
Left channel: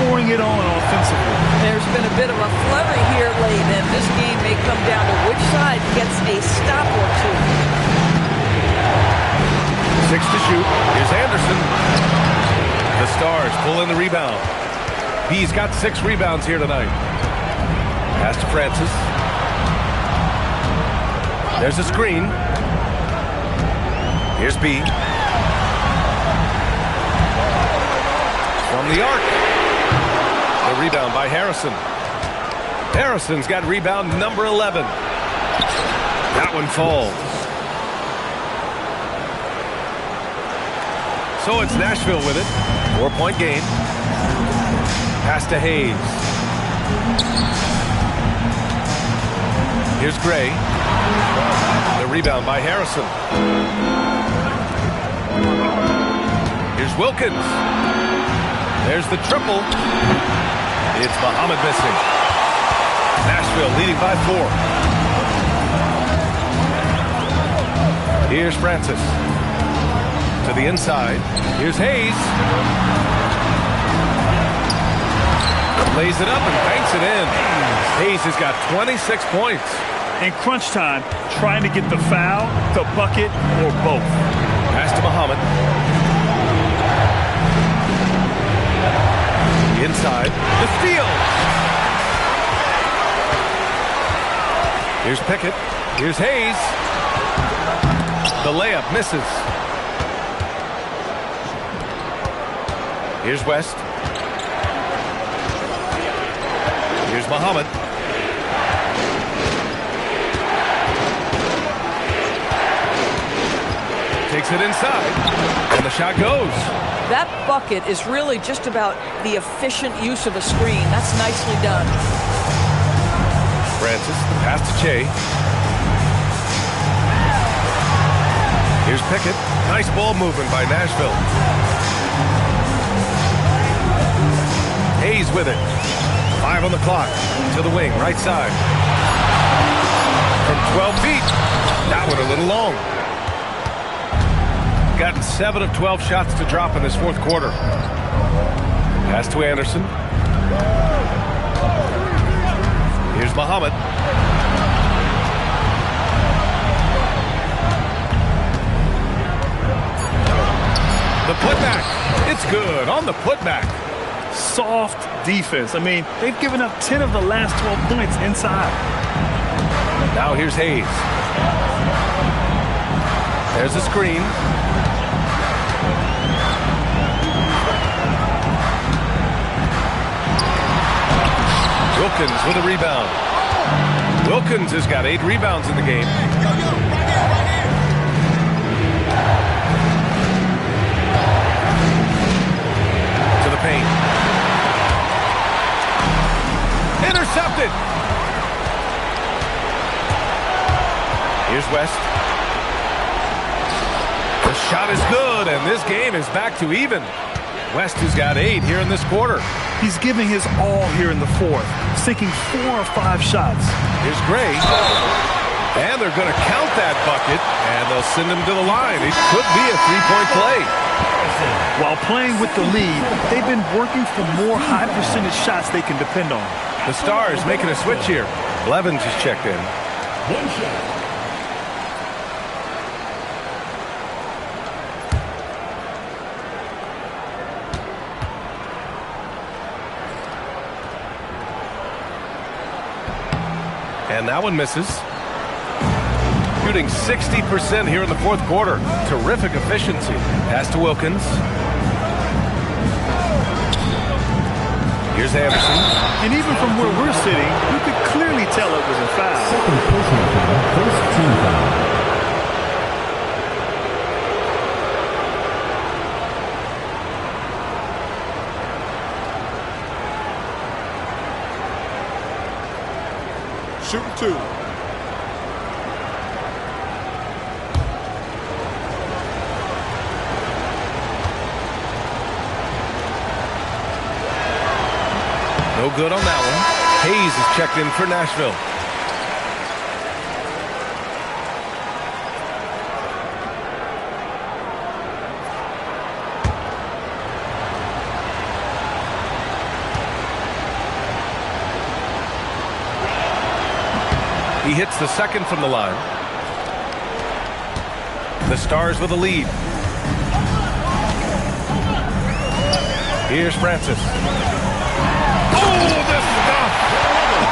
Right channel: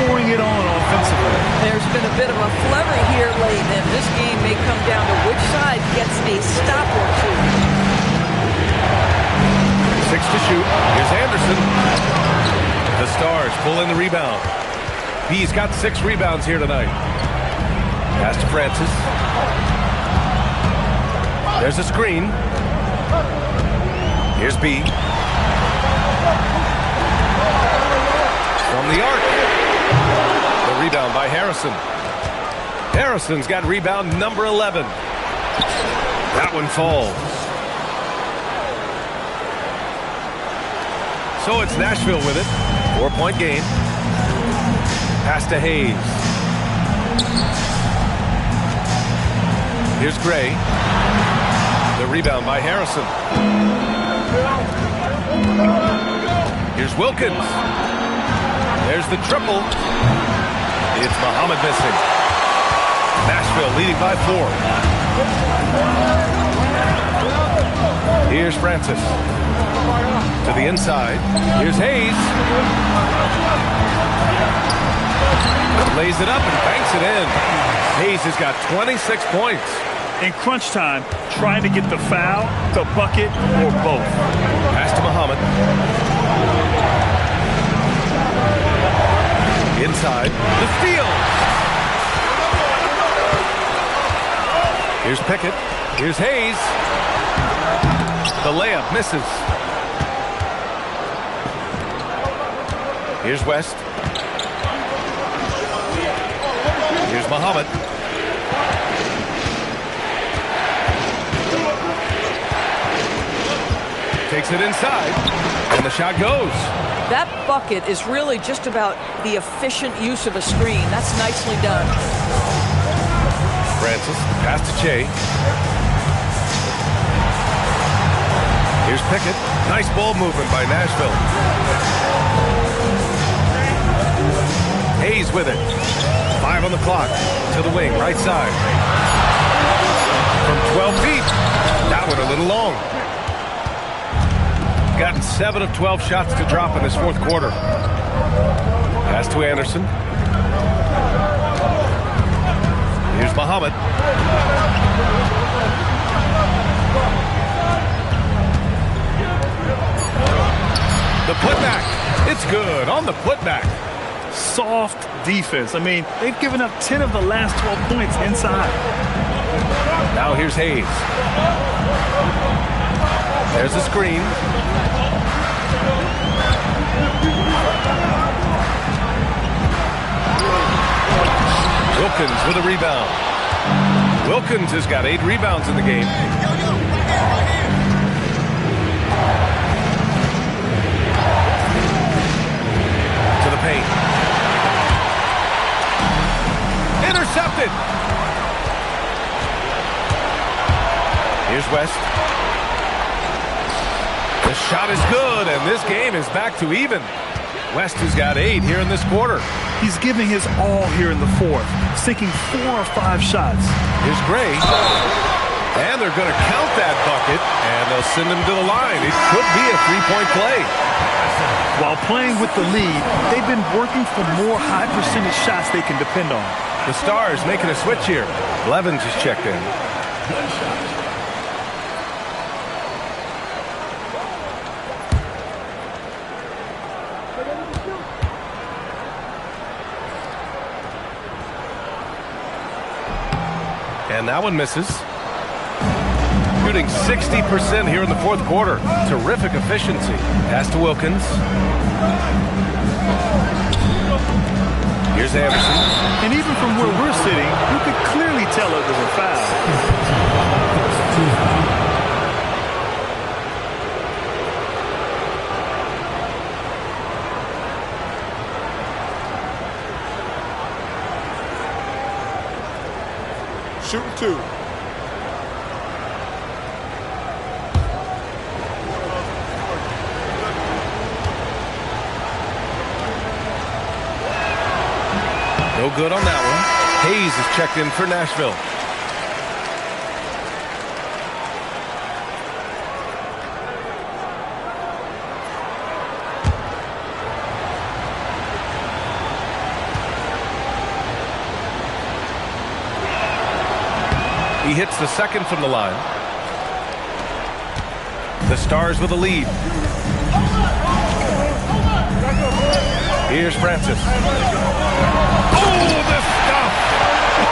pouring it on offensively. There's been a bit of a flurry here late, and this game may come down to which side gets a stop or 2. 6 to shoot. Here's Anderson. The Stars pull in the rebound. B's got 6 rebounds here tonight. Pass to Francis. There's a screen. Here's B. From the arc. The rebound by Harrison. Harrison's got rebound number 11. That one falls. So it's Nashville with it. 4-point game. Pass to Hayes. Here's Gray. The rebound by Harrison. Here's Wilkins. There's the triple. It's Muhammad missing. Nashville leading by 4. Here's Francis. To the inside. Here's Hayes. Lays it up and banks it in. Hayes has got 26 points. In crunch time, trying to get the foul, the bucket, or both. Pass to Muhammad. Inside. The steal. Here's Pickett. Here's Hayes. The layup misses. Here's West. Here's Muhammad. Takes it inside, and the shot goes. That bucket is really just about the efficient use of a screen. That's nicely done. Francis, the pass to Che. Here's Pickett. Nice ball movement by Nashville. Hayes with it. 5 on the clock. To the wing, right side. From 12 feet. That one a little long. Gotten 7 of 12 shots to drop in this fourth quarter. Pass to Anderson. Here's Muhammad. The putback. It's good on the putback. Soft defense. I mean, they've given up 10 of the last 12 points inside. Now here's Hayes. There's the screen. Wilkins with a rebound. Wilkins has got 8 rebounds in the game. To the paint. Intercepted. Here's West. The shot is good, and this game is back to even. West has got 8 here in this quarter. He's giving his all here in the fourth, sinking 4 or 5 shots. Here's Gray. And they're going to count that bucket, and they'll send him to the line. It could be a 3-point play. While playing with the lead, they've been working for more high-percentage shots they can depend on. The Stars making a switch here. Blevins is checked in. 1 shot. And that one misses. Shooting 60% here in the fourth quarter. Terrific efficiency. Pass to Wilkins. Here's Anderson. And even from where we're sitting, you could clearly tell it was a foul. Shooting 2. No good on that one. Hayes is checked in for Nashville. He hits the second from the line. The Stars with a lead. Here's Francis. Oh, the stuff!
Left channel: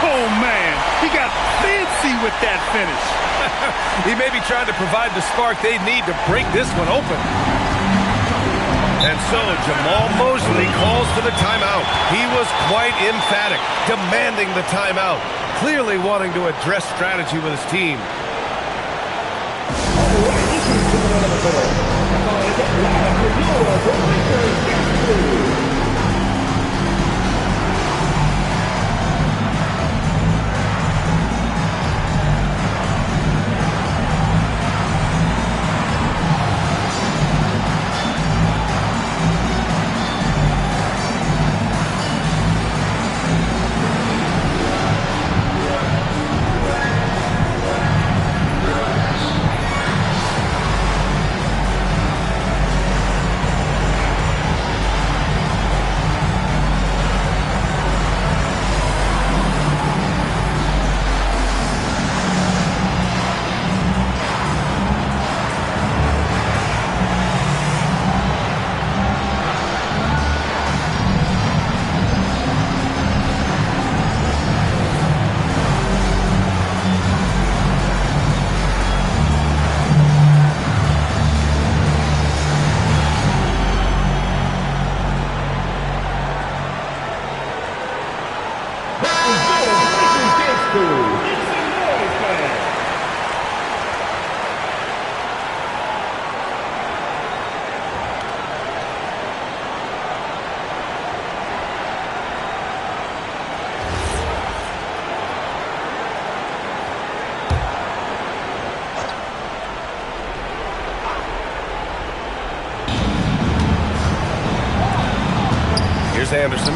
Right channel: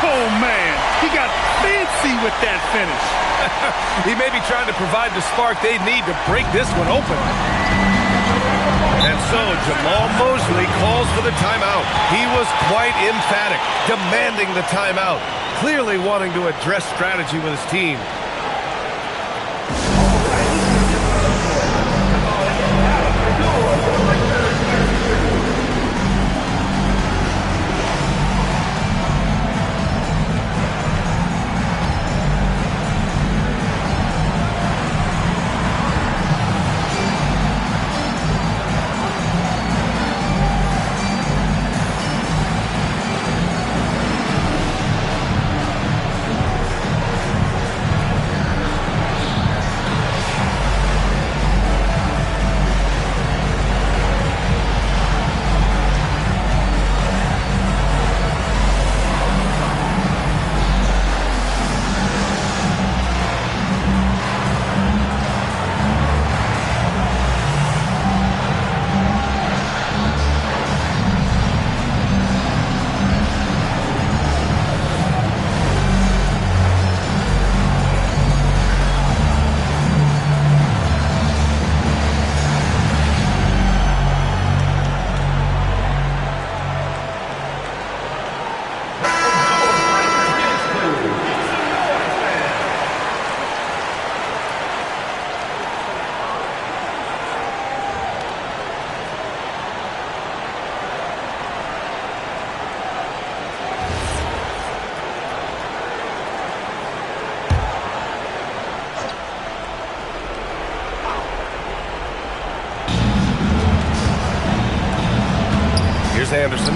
Oh, man. He got fancy with that finish. He may be trying to provide the spark they need to break this one open. And so Jamal Mosley calls for the timeout. He was quite emphatic, demanding the timeout. Clearly wanting to address strategy with his team. Here's Anderson.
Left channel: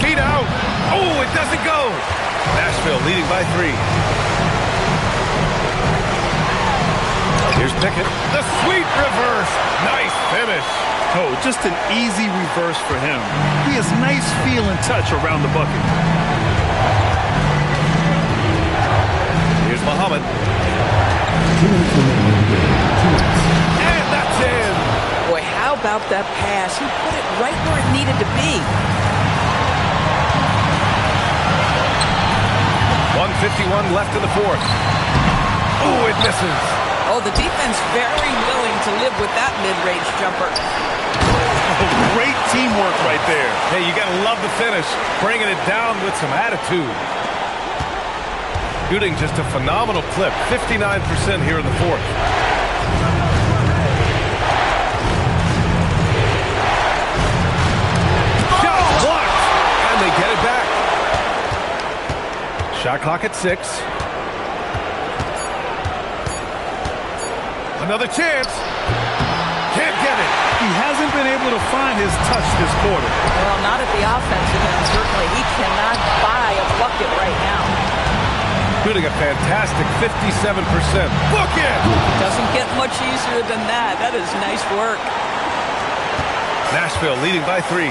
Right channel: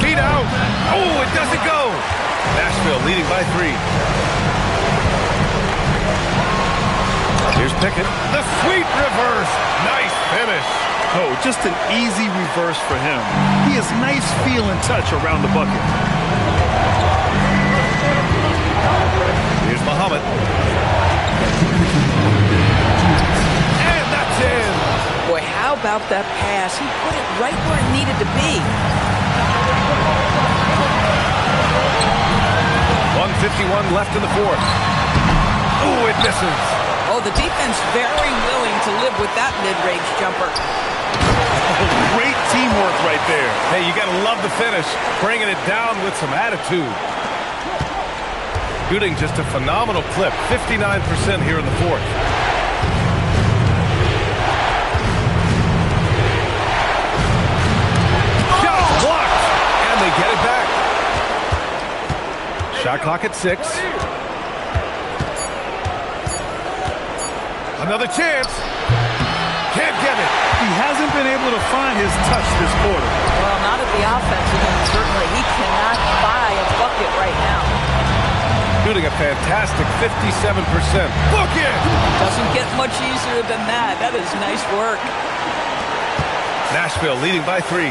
Feet out. Oh, it doesn't go. Nashville leading by 3. Here's Pickett. The sweet reverse. Nice finish. Oh, just an easy reverse for him. He has nice feel and touch around the bucket. Here's Muhammad. And that's in. Boy, how about that pass? He put it right where it needed to be. 1:51 left in the 4th. Oh, it misses. Oh, the defense very willing to live with that mid-range jumper. Oh, great teamwork right there. Hey, you got to love the finish. Bringing it down with some attitude. Shooting just a phenomenal clip. 59% here in the 4th. Shot blocked. And they get it back. Shot clock at 6. Another chance. Can't get it. He hasn't been able to find his touch this quarter. Well, not at the offensive end, certainly. He cannot buy a bucket right now. Shooting a fantastic 57%. Book it! Doesn't get much easier than that. That is nice work. Nashville leading by 3.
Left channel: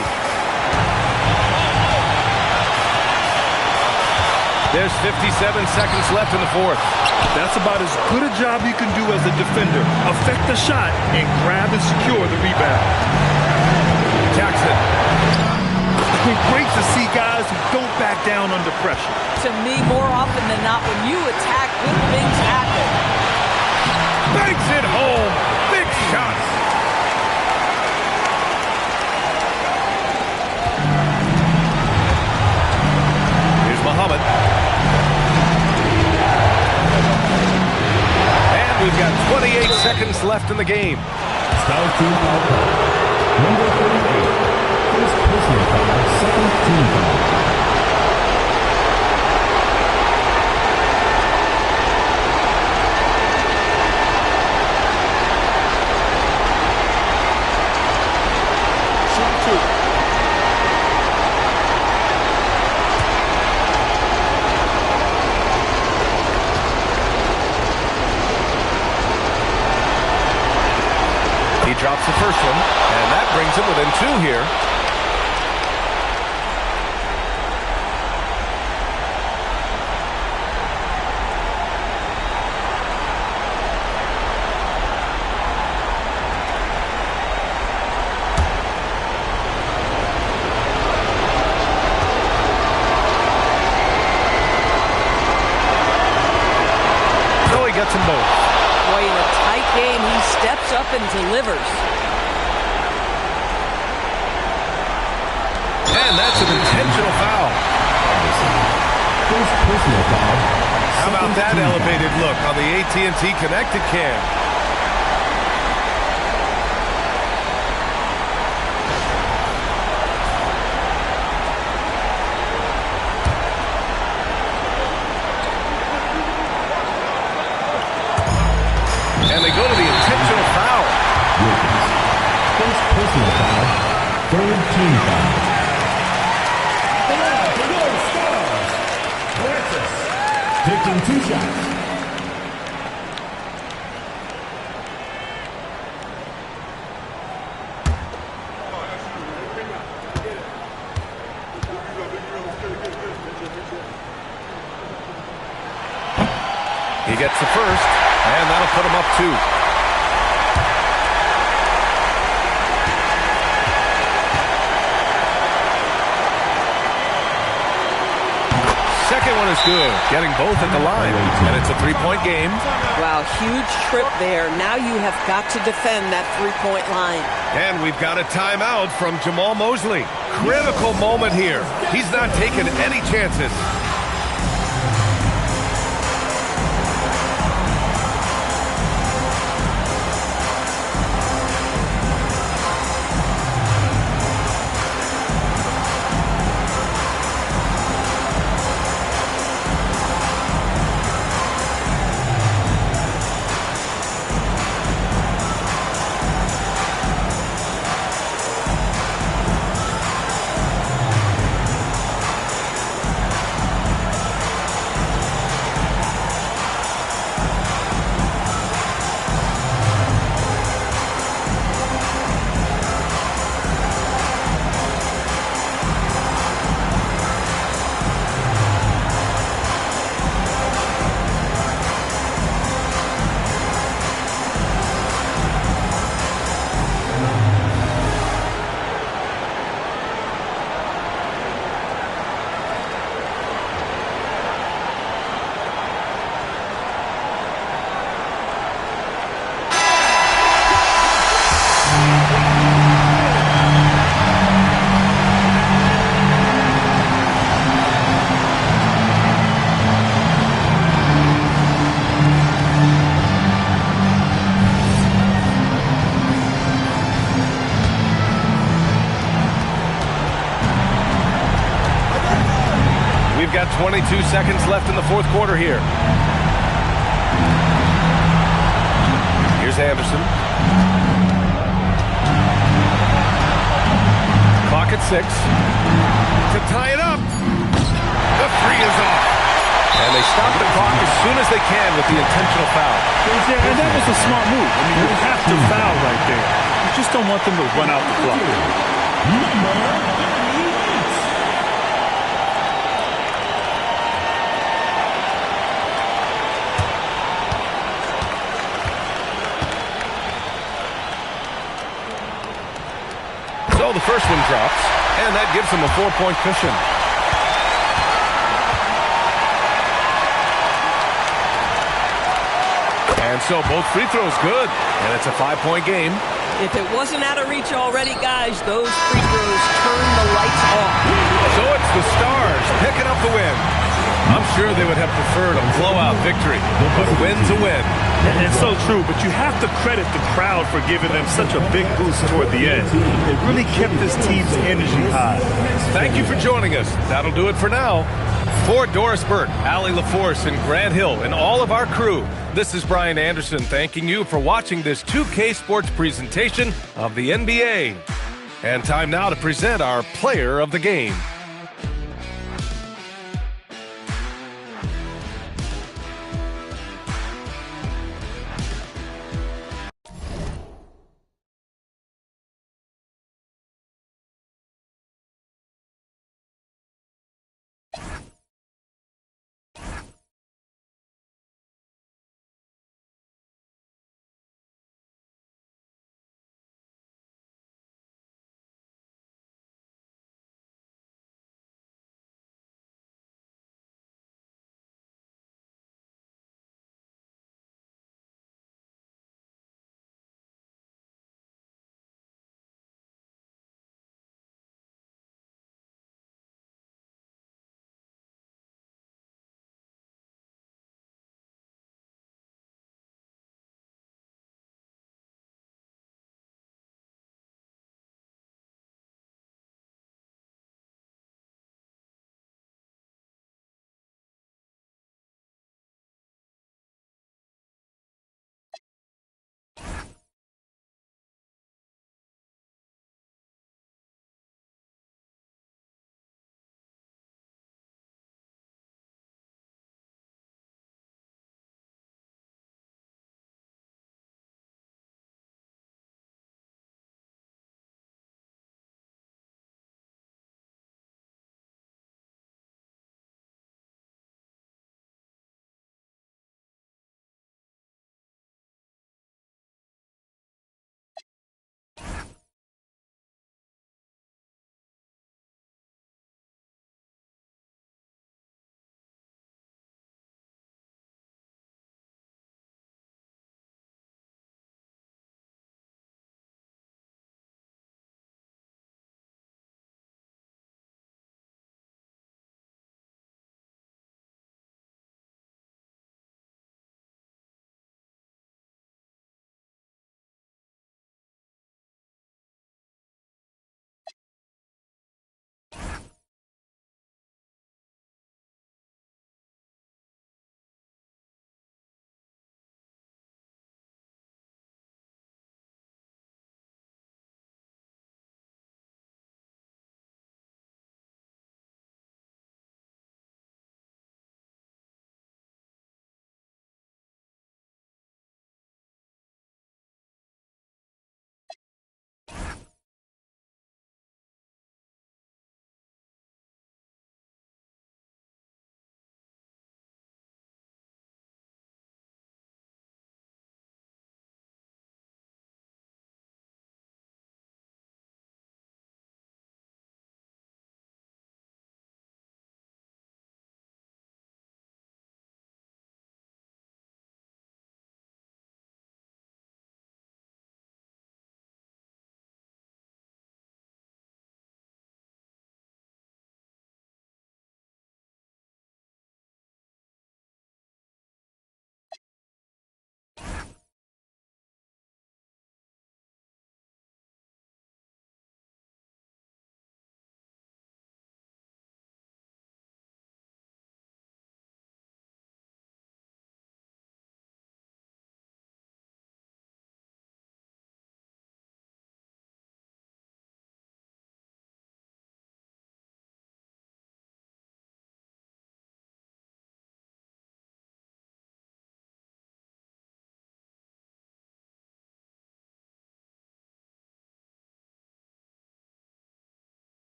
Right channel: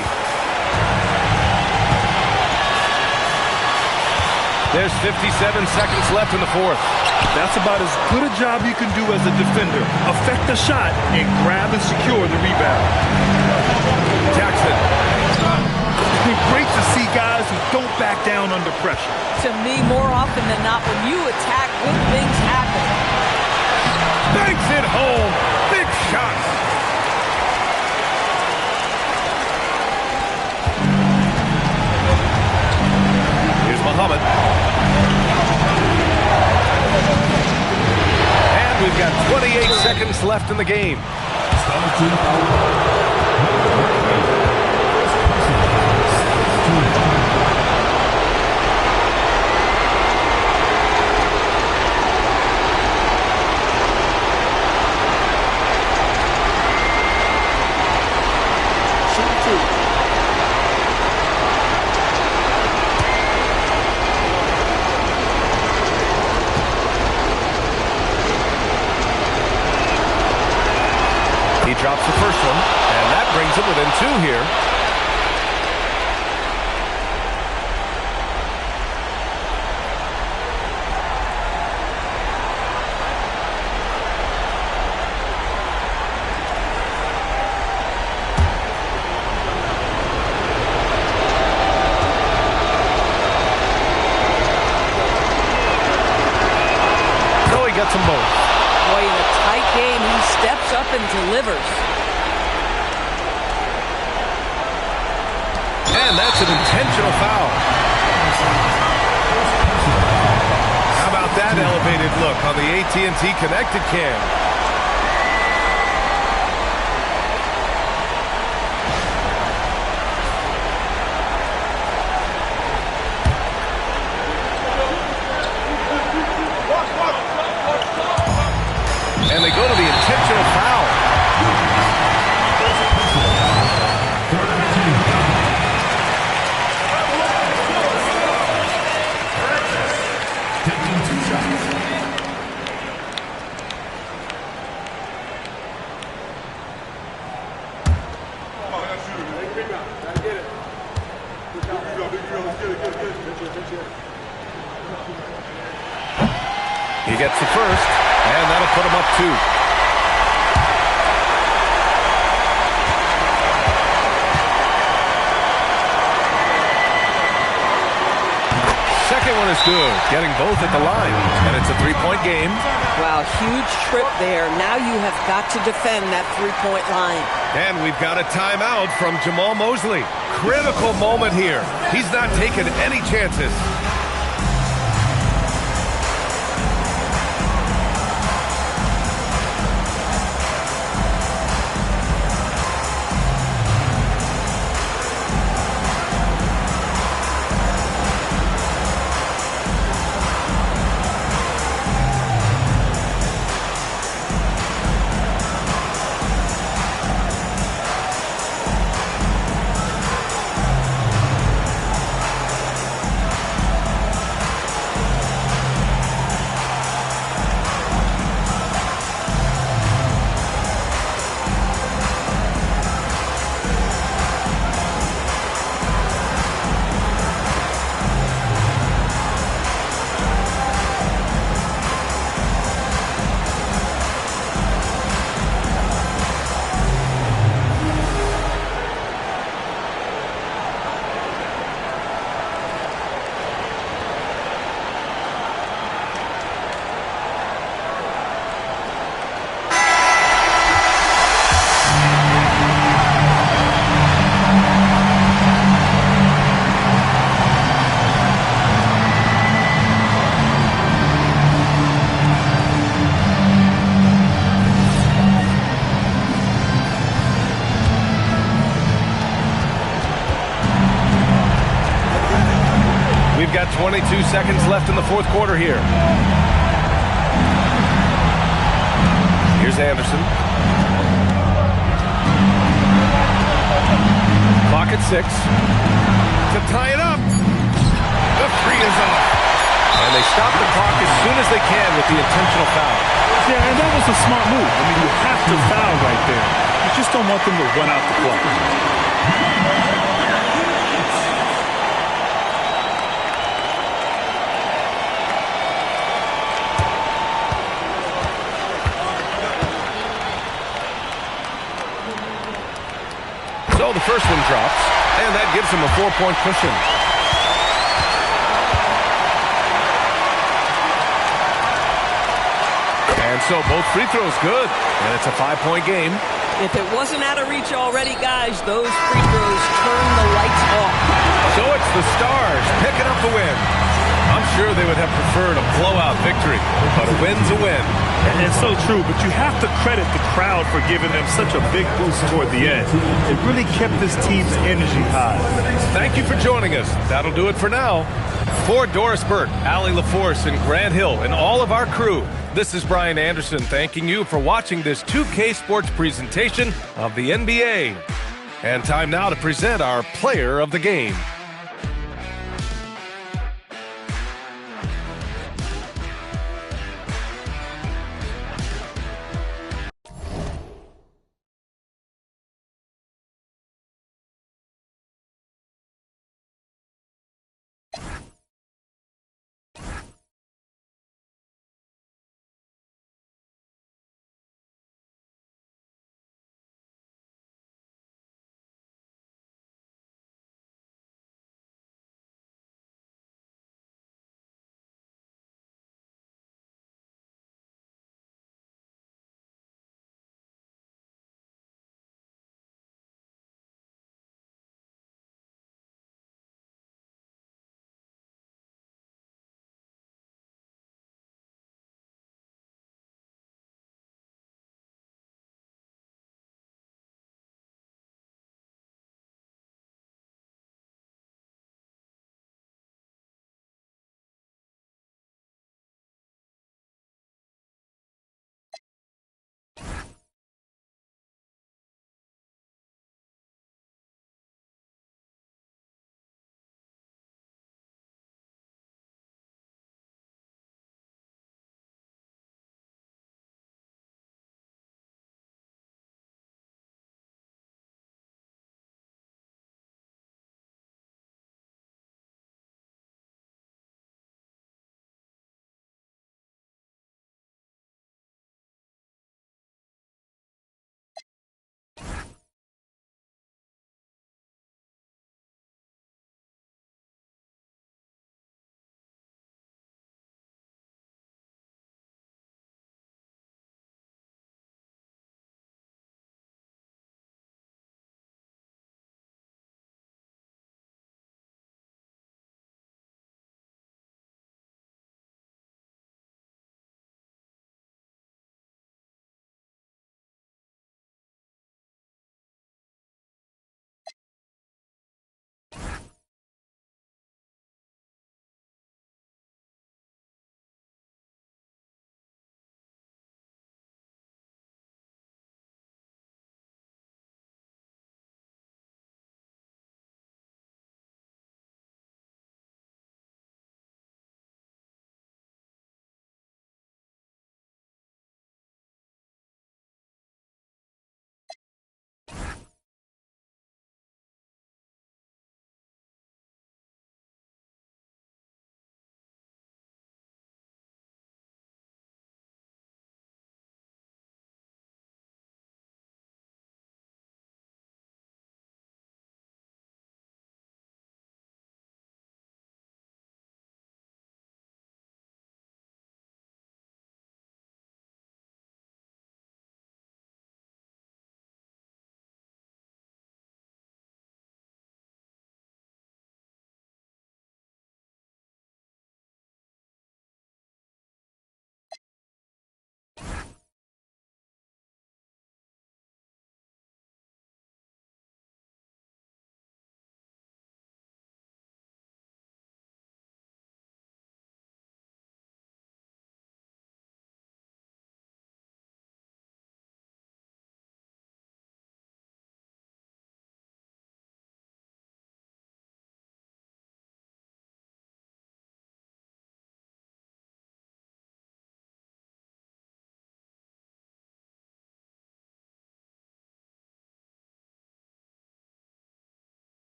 There's 57 seconds left in the 4th. That's about as good a job you can do as a defender. Affect the shot and grab and secure the rebound. Jackson. Great to see guys who don't back down under pressure. To me, more often than not, when you attack, good things happen. Banks it home. Big shot. Here's Muhammad. And we've got 28 seconds left in the game. Starting foul. Number 38. First personal foul. Second team foul. Shoot 2. He drops the first one, and that brings him within 2 here. So he gets them both. Boy, in a tight game, he steps up and delivers. And that's an intentional foul. First personal foul. How about that elevated look on the AT&T Connected Cam? And they go to the intentional foul. Wilkins. First personal foul. Third team foul. Francis taking 2 shots. He gets the first, and that'll put him up 2. Second one is good, getting both at the line, and it's a 3-point game. Wow, huge trip there. Now you have got to defend that 3-point line. And we've got a timeout from Jamal Mosley. Critical moment here. He's not taking any chances. got 22 seconds left in the fourth quarter here. Here's Anderson. Clock at 6. To tie it up. The three is off. And they stop the clock as soon as they can with the intentional foul. Yeah, and that was a smart move. I mean, you have to foul right there. You just don't want them to run out the clock. So the first one drops, and that gives them a 4-point cushion. And so both free throws good, and it's a 5-point game. If it wasn't out of reach already, guys, those free throws turn the lights off. So it's the Stars picking up the win. I'm sure they would have preferred a blowout victory, but a win's a win. And it's so true, but you have to credit the crowd for giving them such a big boost toward the end. It really kept this team's energy high. Thank you for joining us. That'll do it for now. For Doris Burke, Allie LaForce, and Grant Hill, and all of our crew, this is Brian Anderson thanking you for watching this 2K Sports presentation of the NBA. And time now to present our player of the game.